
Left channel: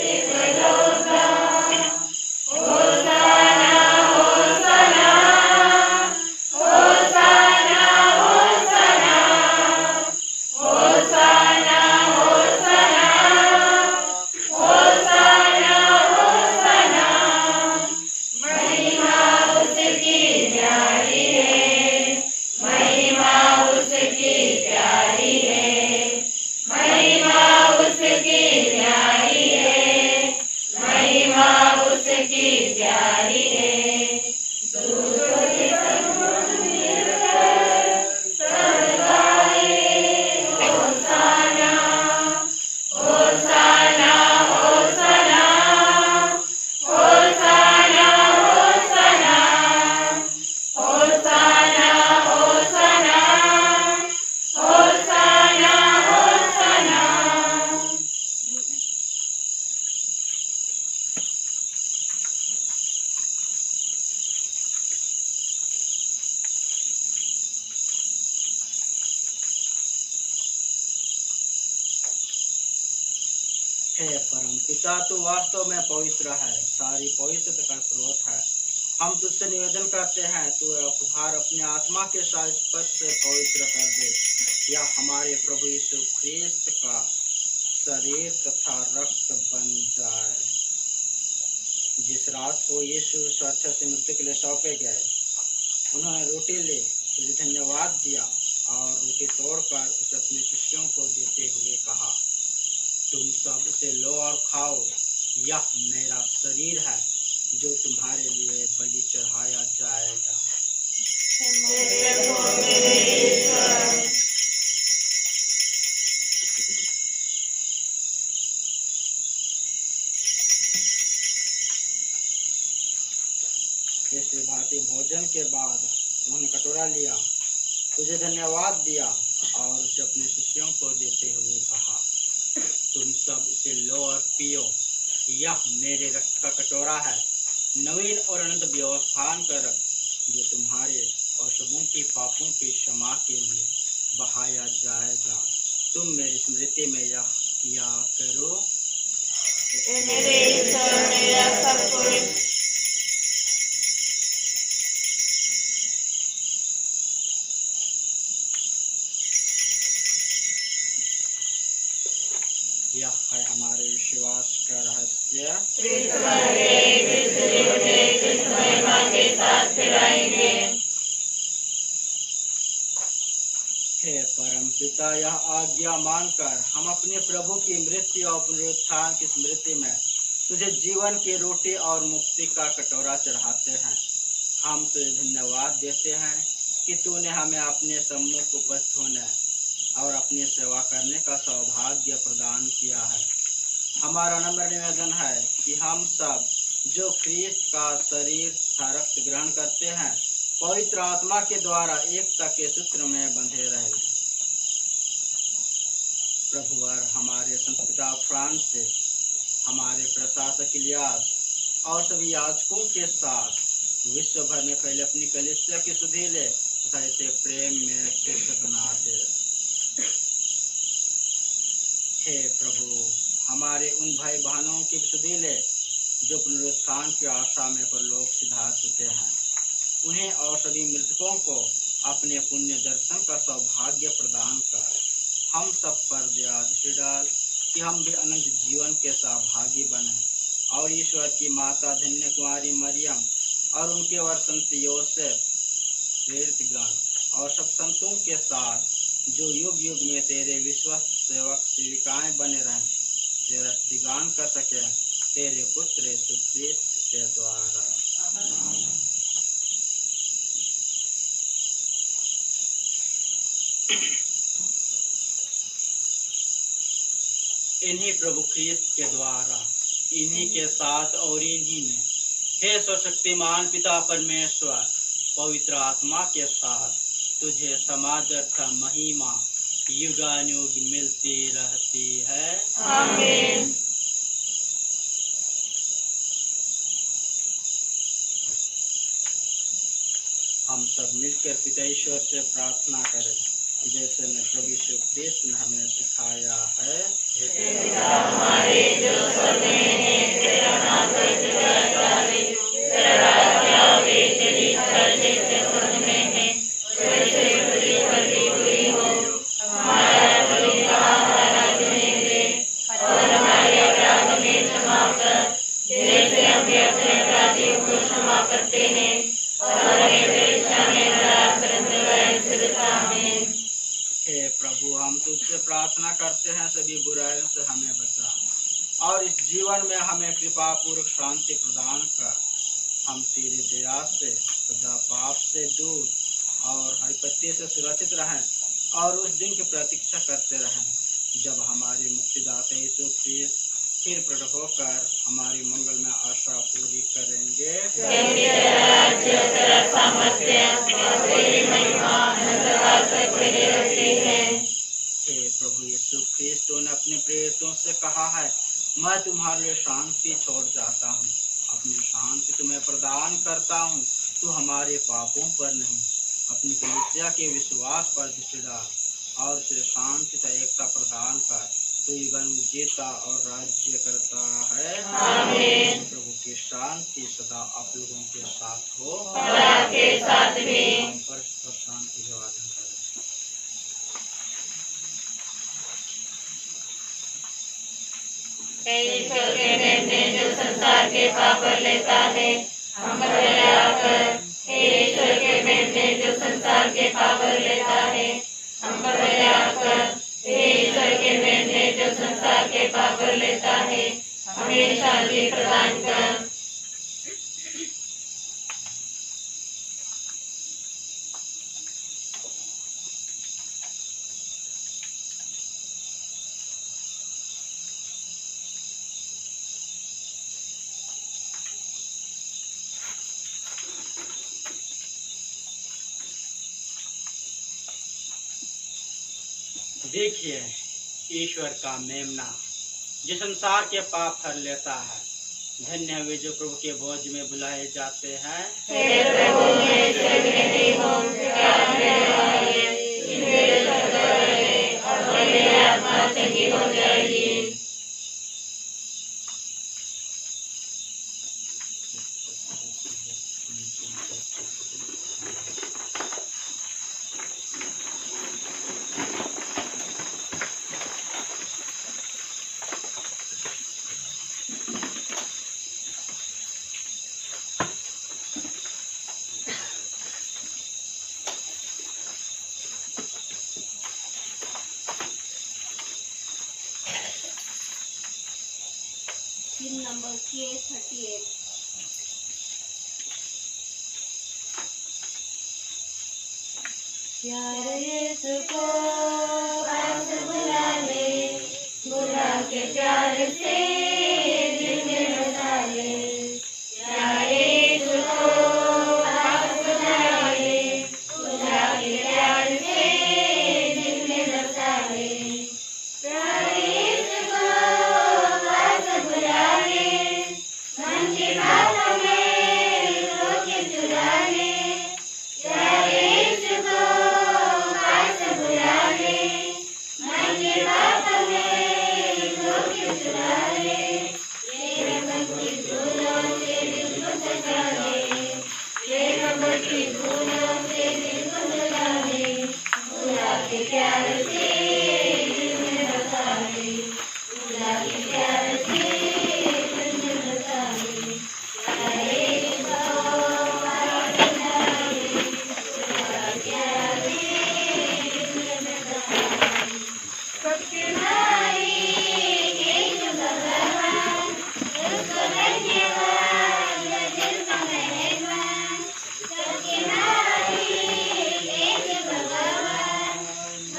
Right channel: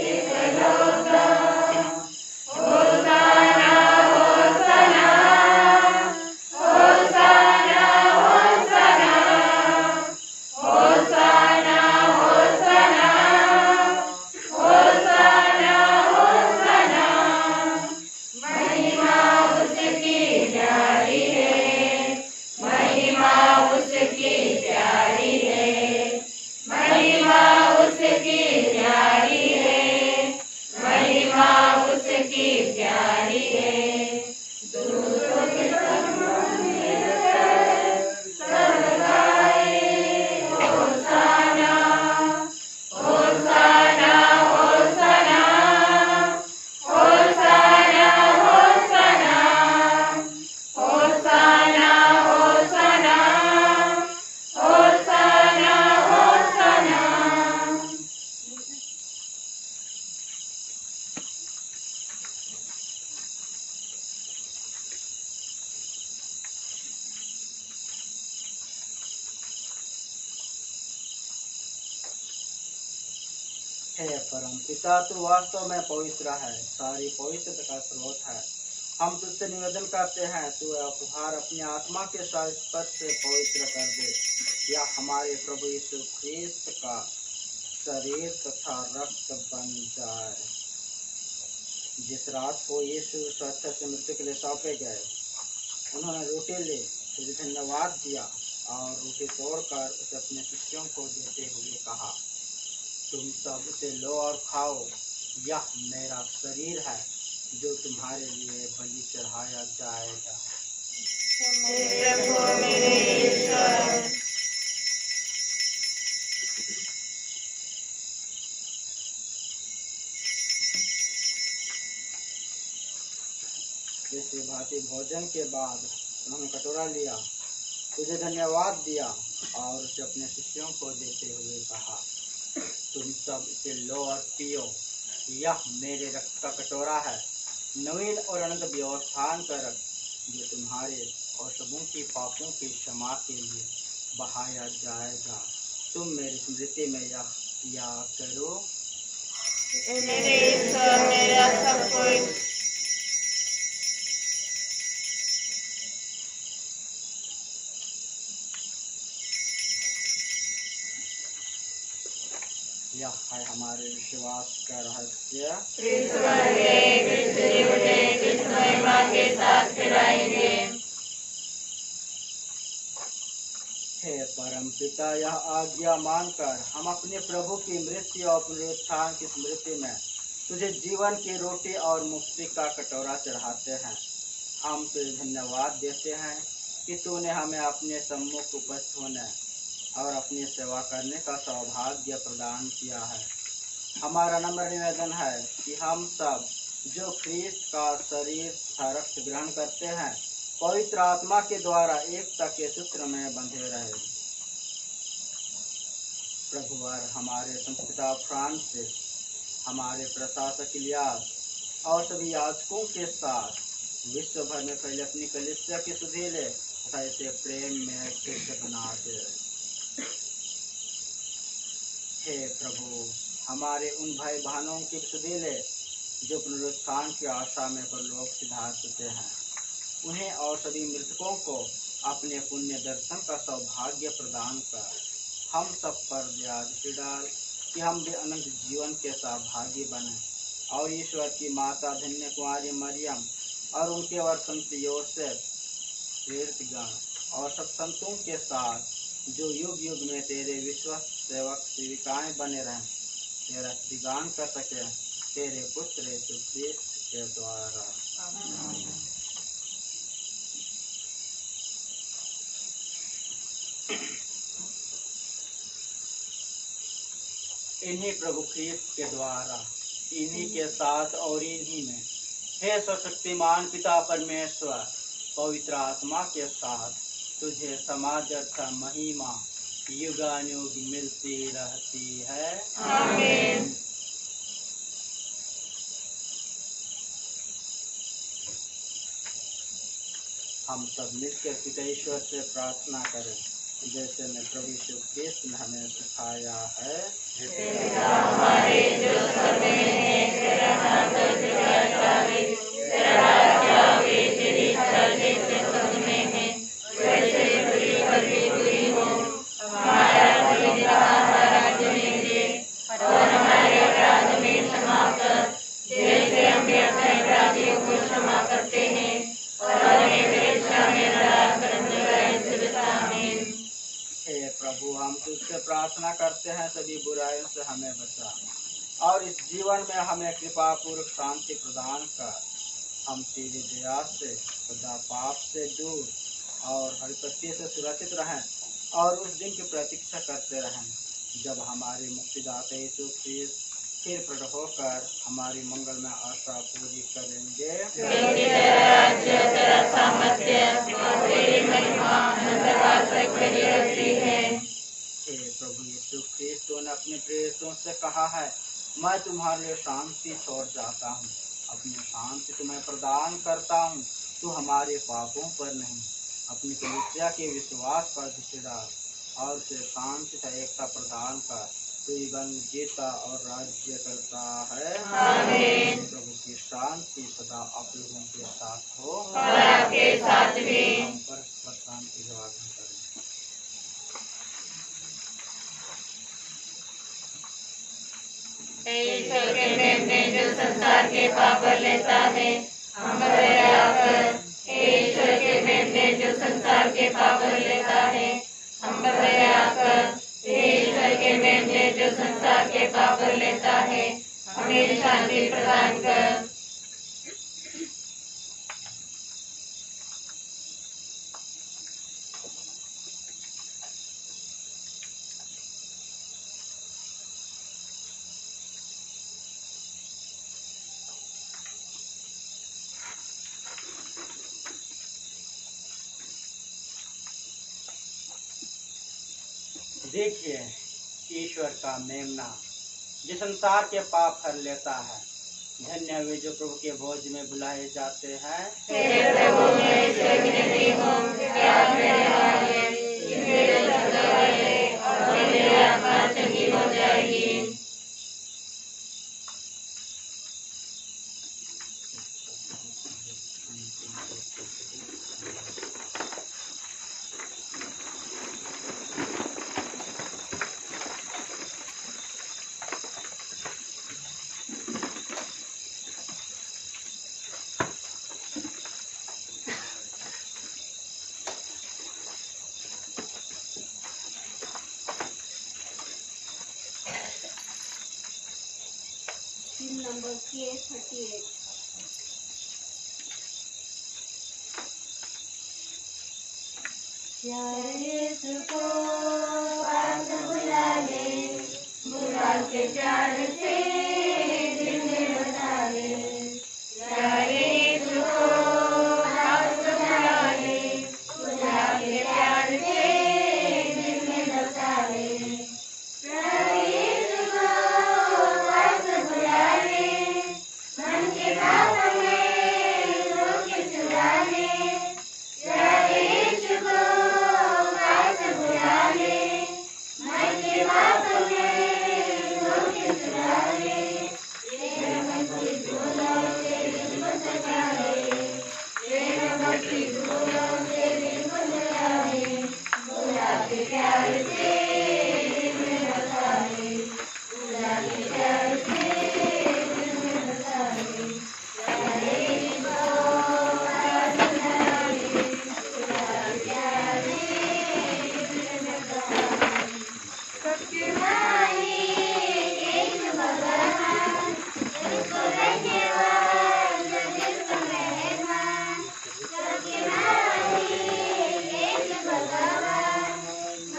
एकलौता। होसाना होसाना होसाना होसाना होसाना होसाना होसाना होसाना। महिमा उसकी प्यारी है, महिमा उसकी प्यारी है, महिमा उसकी प्यारी है, महिमा उसकी प्यारी है। दूतों के समूह मिलकर सब गाए होसाना होसाना होसाना होसाना होसाना होसाना होसाना होसाना होसाना। हे परम पिता, तू वास्तव में पवित्र है, सारी पवित्रता का स्रोत है। हम तुझसे निवेदन करते हैं, तू उपहार अपनी आत्मा के साथ स्पर्श से पवित्र कर दे। यह हमारे प्रभु यीशु ख्रिस्त का शरीर तथा रक्त बन जाए। जिस रात को यीशु स्वेच्छा से मृत्यु के लिए सौंपे गए, उन्होंने रोटी ले, तुझे धन्यवाद दिया और रोटी तोड़कर उसे अपने शिष्यों को देते हुए कहा, तुम सब उसे लो और खाओ, यह मेरा शरीर है जो तुम्हारे लिए बलि चढ़ाया जाएगा। प्रभु मेरे ईश्वर, जैसे भांति भोजन के बाद उन्होंने कटोरा लिया, तुझे धन्यवाद दिया और उसे अपने शिष्यों को देते हुए कहा, तुम सब इसे लो और पियो, यह मेरे रक्त का कटोरा है, नवीन और अनंत व्यवस्थान का रक्त जो तुम्हारे और सबों की पापों की क्षमा के लिए बहाया जाएगा। तुम मेरी स्मृति में यह किया करो। मेरे ईश्वर, मेरा सब कुछ यह है हमारे विश्वास का रहस्य। क्रिस्त मर गए, क्रिस्त जी उठे, क्रिस्त महिमा के साथ फिर आएंगे। हे परम पिता, यह आज्ञा मानकर हम अपने प्रभु की मृत्यु और पुनरुत्थान की स्मृति में तुझे जीवन की रोटी और मुक्ति का कटोरा चढ़ाते हैं। हम तुझे धन्यवाद देते हैं कि तूने हमें अपने सम्मुख उपस्थित होने और अपनी सेवा करने का सौभाग्य प्रदान किया है। हमारा नम्र निवेदन है कि हम सब जो ख्रीस्त का शरीर तथा रक्त ग्रहण करते हैं, पवित्र आत्मा के द्वारा एकता के सूत्र में बंधे रहे। प्रभुवर हमारे संस्पिता फ्रांसिस, हमारे प्रशासक इलियास और सभी याजकों के साथ विश्व भर में फैले अपनी कलीसिया के सुधीले तथा इसे प्रेम में शीर्ष बना दे। हे प्रभु, हमारे उन भाई बहनों के सुधीले जो पुनरुत्थान की आशा में परलोक सिधार चुके हैं, उन्हें और सभी मृतकों को अपने पुण्य दर्शन का सौभाग्य प्रदान कर हम सब पर दया दृष्टि डाल कि हम भी अनंत जीवन के सहभागी बने और ईश्वर की माता धन्य कुमारी मरियम और उनके वर संत योसेफ, प्रेरितगण और सब संतों के साथ जो युग युग में तेरे विश्वस्त सेवक सेविकाएं बने रहें, तेरा स्तुतिगान कर सके तेरे पुत्र यीशु ख्रीस्त के द्वारा। इन्हीं प्रभु ख्रीस्त के द्वारा, इन्हीं के साथ और इन्हीं में, हे सर्वशक्तिमान पिता परमेश्वर, पवित्र आत्मा के साथ तुझे समादर्थ महिमा युगानुयुग मिलती रहती है। आमीन। हम सब मिलकर पिता ईश्वर से प्रार्थना करें जैसे मैं प्रभु यीशु ख्रीस्त ने हमें सिखाया है। हमारे जो स्वर्ग में है, तेरा नाम पवित्र जावे, तेरा राज्य आवे, तेरी इच्छा जैसे स्वर्ग में है वैसे पृथ्वी पर भी पूरी हो। हमारा प्रतिदिन हमारा दिन दे और हमारे अपराध में क्षमा कर जैसे हम भी अपने अपराधियों को क्षमा करते हैं, और हमें परीक्षा में न डाल परंतु दया से बचा। आमीन। हे प्रभु, हम तुझसे प्रार्थना करते हैं सभी बुराइयों से हमें बचा और इस जीवन में हमें कृपा पूर्वक शांति प्रदान कर। हम तेरी दया से सदा पाप से दूर और हरिपत्ति से सुरक्षित रहें और उस दिन की प्रतीक्षा करते रहें जब हमारे मुक्तिदाता यीशु ख्रीस्त फिर प्रकट होकर हमारी मंगल में आशा पूरी करेंगे। क्योंकि तेरा राज्य, तेरा सामर्थ्य और तेरी महिमा अनंतकाल तक बनी रहती है। हे प्रभु यीशु ख्रीस्त ने अपने प्रेरितों से कहा है, मैं तुम्हारे लिए शांति छोड़ जाता हूँ, अपनी शांति तुम्हें प्रदान करता हूँ। तू हमारे पापों पर नहीं, अपनी कलीसिया के विश्वास पर दृष्टि डाल और उसे शांति तथा एकता प्रदान कर। तू युगन जीता और राज्य करता है। आमीन। प्रभु की शांति सदा आप लोगों के साथ हो और आपके साथ भी। परस्पर शांति का वादन करें। हे ईश्वर के मेमने जो संसार के पाप पर लेता है, हम पर दया कर। हे ईश्वर के मेमने जो संसार के पाप पर लेता है, हम पर दया कर। हे ईश्वर के मेमने जो संसार के पाप पर लेता है, हमें शांति प्रदान कर। देखिए ईश्वर का मेमना जो संसार के पाप हर लेता है। धन्य वे जो प्रभु के भोज में बुलाए जाते हैं। हे प्रभु, मैं इससे विनती हूँ कि आप मेरे वाले, मेरे शब्द वाले और मेरी आत्मा चंगी हो जाएगी। number 38. प्यारे यीशु को पास बुला ले, बुला के प्यार से दिल में बसा ले। प्यारे यीशु को पास बुला ले, बुला के प्यार से दिल में बसा ले। प्यारे यीशु को पास बुला ले, मन की बातों में रोक चुरा ले। प्यारे यीशु को पास बुला ले, मन की बातों में रोक चुरा ले। प्रेम भक्ति फूलों से दिल को सजा ले, प्रेम भक्ति फूलों से दिल को सजा ले। बुला के प्यार से दिल में बसा ले, बुला के प्यार से दिल में बसा ले। प्यारे यीशु को पास बुला ले, बुला के प्यार से दिल में बसा ले। शक्तिमानी यीशु भगवान, उसको धन्यवाद जो दिल का मेहमान। शक्तिमानी यीशु भगवान,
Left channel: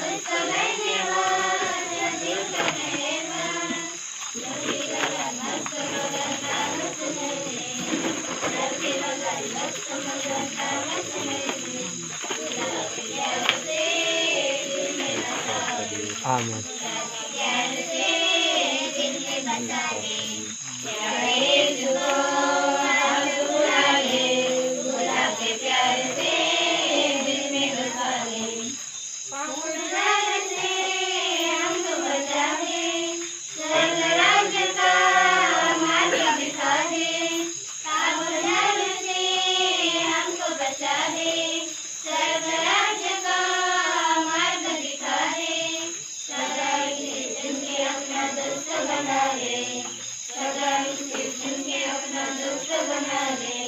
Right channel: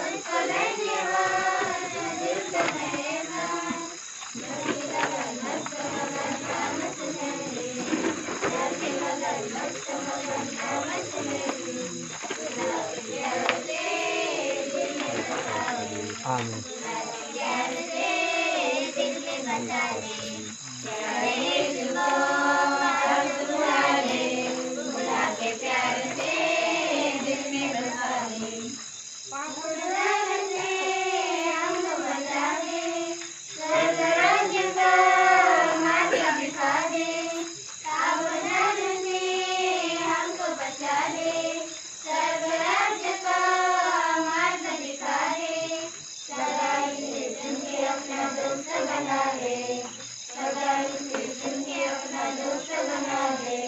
उसको धन्यवाद जो दिल का मेहमान। धरती मगर मस्त मगन का मस्त लगे, धरती मगर मस्त मगन का मस्त लगे। बुला के प्यार से दिल में बसा ले, आमीन। बुला के प्यार से दिल में बसा ले। प्यारे यीशु को पास बुला ले, बुला के प्यार से दिल में बसा ले। पाप नरक से हमको बचा दे, स्वर्ग राज्य का मार्ग दिखा दे। पाप नरक से हमको बचा दे, स्वर्ग राज्य का मार्ग दिखा दे। सदा इसे चुन के अपना दोस्त बना ले, सदा इसे चुन के अपना दोस्त बना ले।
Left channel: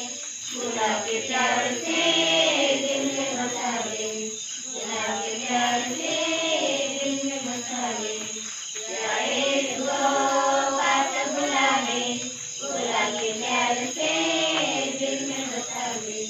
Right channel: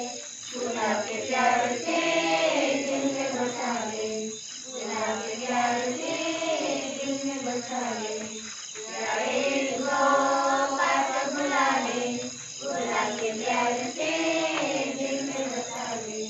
बुला के प्यार से दिल में बसा ले, बुला के प्यार से दिल में बसा ले। प्यारे यीशु को पास बुला ले, बुला के प्यार से दिल में बसा ले।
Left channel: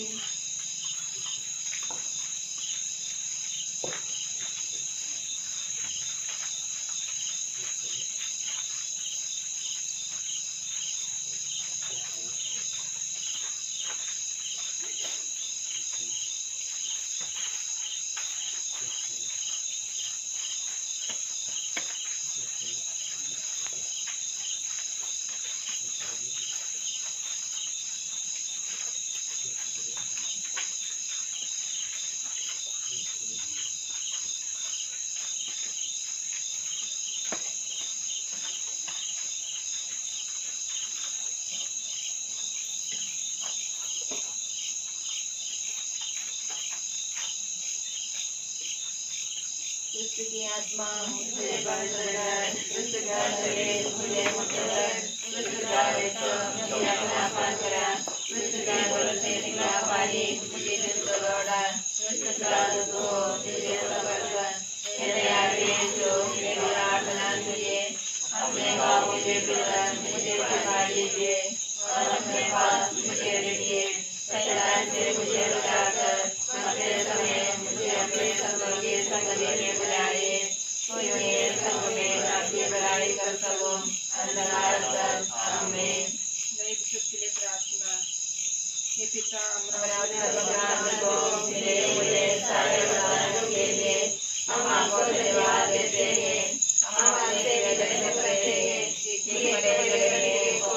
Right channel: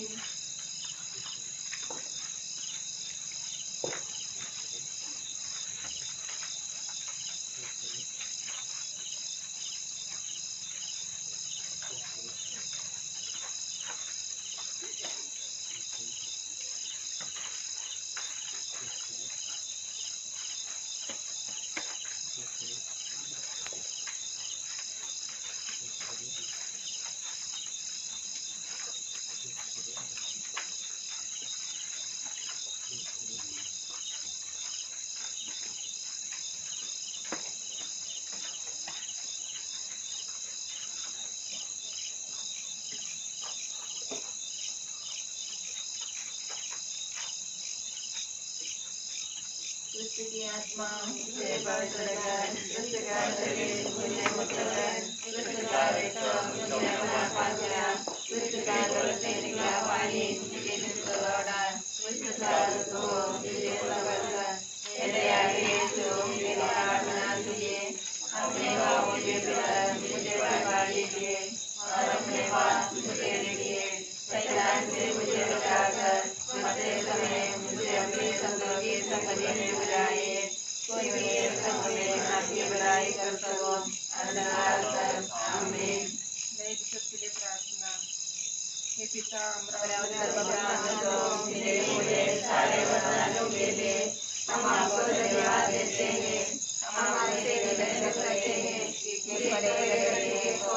दुष्ट की आत्मा मुझे बाहर चला जाए, दुष्ट का शरीर मुझे मुक्त कर, दुष्ट का रक्त मुझे अपना पास करा, दुष्ट का गल से निकला पानी मुझे दिल को लौटा, दुष्ट का दुख मुझे सबर कर। हे दयालु यीशु, मेरी प्रार्थना तुझे, अपने पापों के भीतर मुझे छिपा लीजिए और अपने पास मुझे लीजिए। शैतान से मुझे बचाकर मरते समय मुझे अपने संतों की संगति में बुलाइए, कोई मेरे संग में आपकी बड़ाई कर सको। अंधकार तक आमीन। नए विशुद्ध के लिए प्रार्थना। हे पिता, भगवान को मिले मुझे सारे वरदानों के लिए हम आपको धन्यवाद देते हैं। हम आपसे विनम्र करते हैं कि बड़े को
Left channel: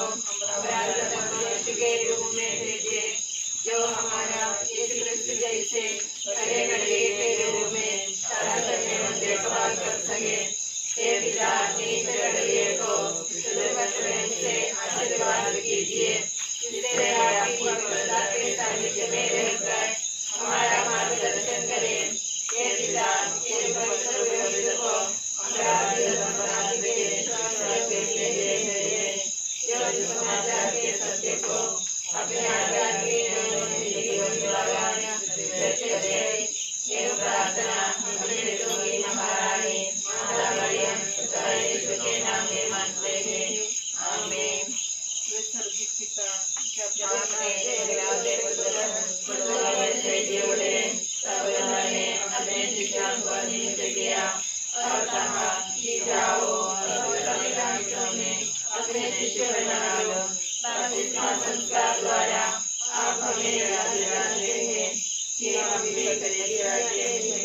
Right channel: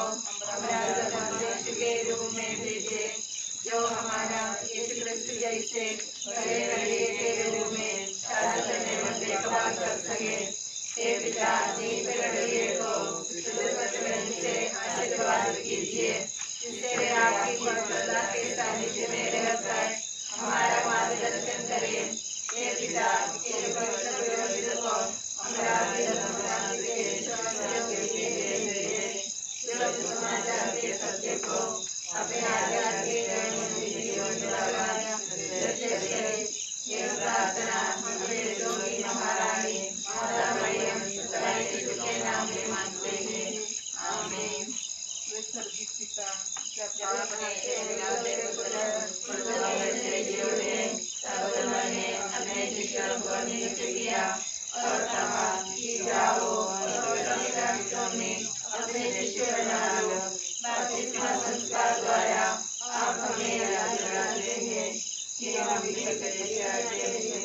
मनुष्य के रूप में भेजे, जो हमारा यीशु क्रिस्त जैसे बड़े गड्ढे के रूप में शासन में देखभाल कर सके। हे पिता, इस गड्ढे को शुद्ध करने से आशीर्वाद कीजिए, जिससे आपकी पवित्रता के सानिध्य में रहकर हमारा मार्गदर्शन करें। हे पिता, इस पवित्र विरोध को अपराधी के शासन देते हुए जो समाचार के सत्य को अपने आज्ञा के जीवन द्वारा हम भी सकते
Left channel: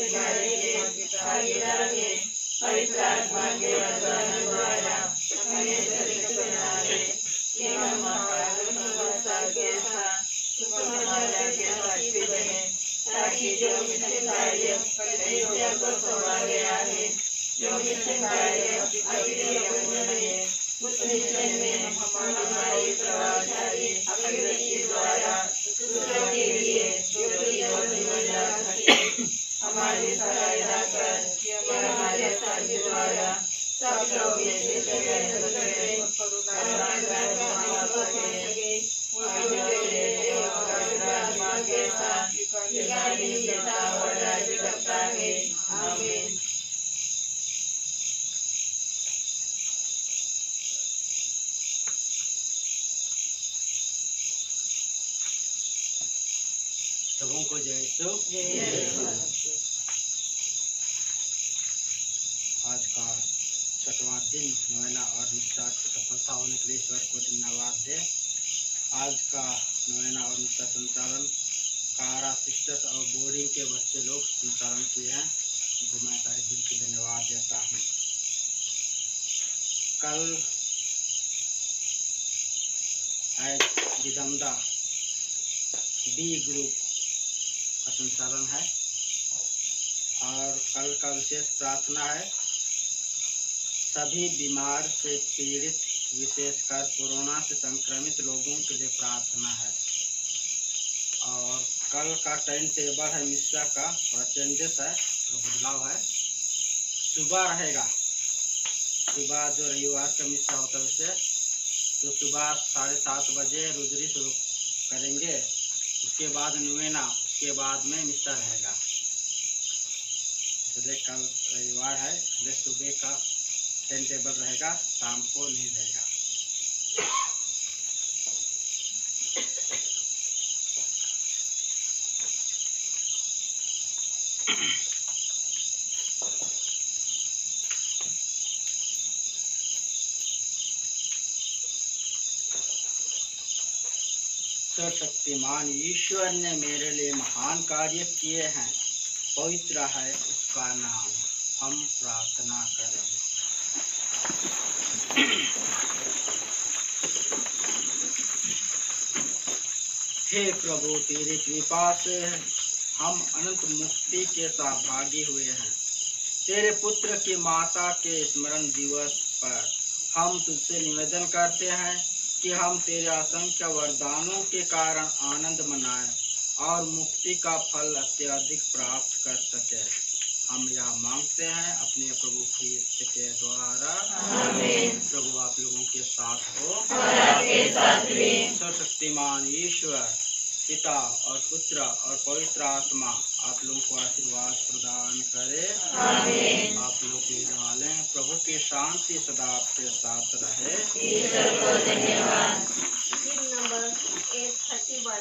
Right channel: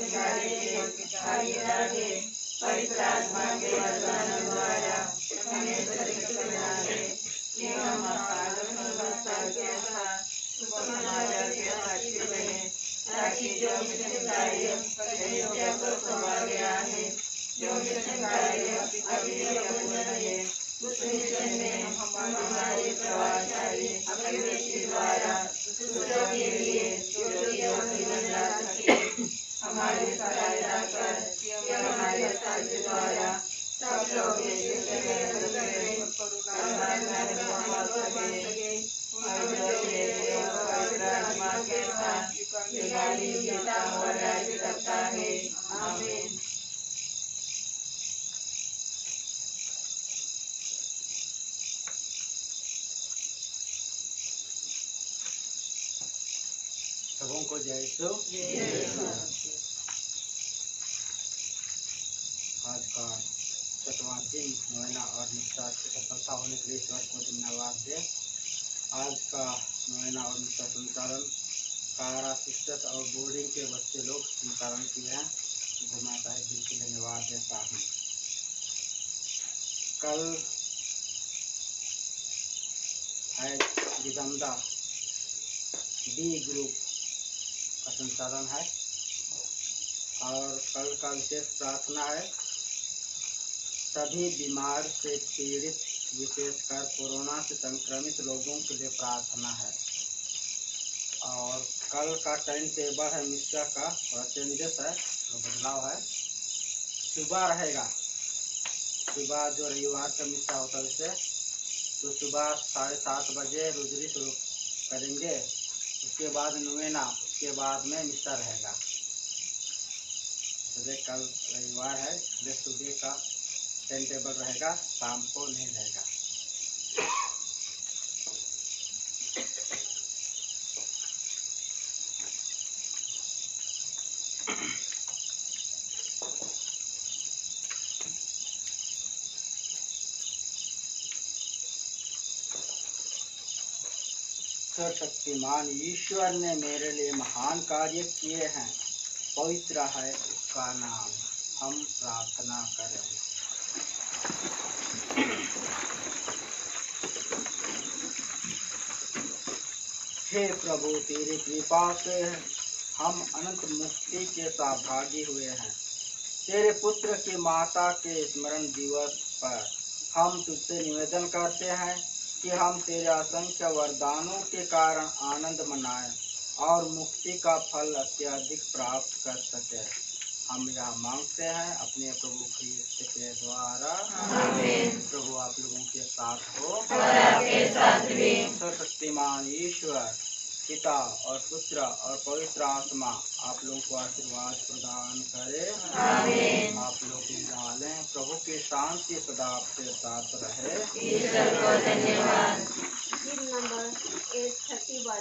कार्य के भागीदार हैं। पवित्र आत्मा के वरदान द्वारा हमें सशक्त बना दे कि हम के साथ समाचार के साक्षी बने, ताकि जो मिशन कार्य कलीसिया को सौंपा गया है, जो मिशन कार्य अभी पूर्ण है, उस मिशन में हमारी प्रभावशाली अभिव्यक्ति द्वारा दूसरों के लिए ज्योति और जीवन ला सके। हमारी सहायता कर कि हमारे साथी द्वारा सब लोग आत्मा के साथ और राज्य करता है। आमीन। सबों को जय यीशु। आज का छठवां दिन नोवेना और निष्ठा की सफलता होने के लिए ईश्वर को धन्यवाद दे। आज का नोवेना और निष्ठा संचालन कारा सिस्टर्स और बोर्डिंग के बच्चे लोग संचालन किए हैं, उनको मैं तहे दिल से धन्यवाद देता हूँ। कल है विदम्दा बी ग्रुप का संचालन है और कल का विशेष प्रार्थना है सभी बीमार से पीड़ित, विशेषकर कोरोना से संक्रमित लोगों के लिए प्रार्थना है। और कल का टाइम टेबल है मिस्सा का थोड़ा चेंजेस है, थोड़ा बदलाव है। सुबह रहेगा, सुबह जो रविवार का मिस्सा होता है उससे तो सुबह 7:30 बजे रोजरी शुरू करेंगे, उसके बाद नोवेना, उसके बाद में मिस्सा रहेगा। इसलिए कल रविवार है, इसलिए सुबह का टाइम टेबल रहेगा, शाम को नहीं रहेगा। सर्वशक्तिमान ईश्वर ने मेरे लिए महान कार्य किए हैं, पवित्र है उसका नाम। हम प्रार्थना करें। हे प्रभु, तेरी कृपा से हम अनंत मुक्ति के सहभागी हुए हैं। तेरे पुत्र की माता के स्मरण दिवस पर हम तुझसे निवेदन करते हैं कि हम तेरे असंख्य वरदानों के कारण आनंद मनाएं और मुक्ति का फल अत्यधिक प्राप्त कर सके। हम यह मांगते हैं अपने प्रभु ख्रीस्त के द्वारा। आमीन। प्रभु आप लोगों के साथ हो और आपके साथ भी। सर्वशक्तिमान ईश्वर पिता और पुत्र और पवित्र आत्मा आप लोगों को आशीर्वाद प्रदान करे। आमीन। आप लोग की डालें, प्रभु की शांति सदा आपके साथ रहे। ईश्वर को धन्यवाद। नंबर 831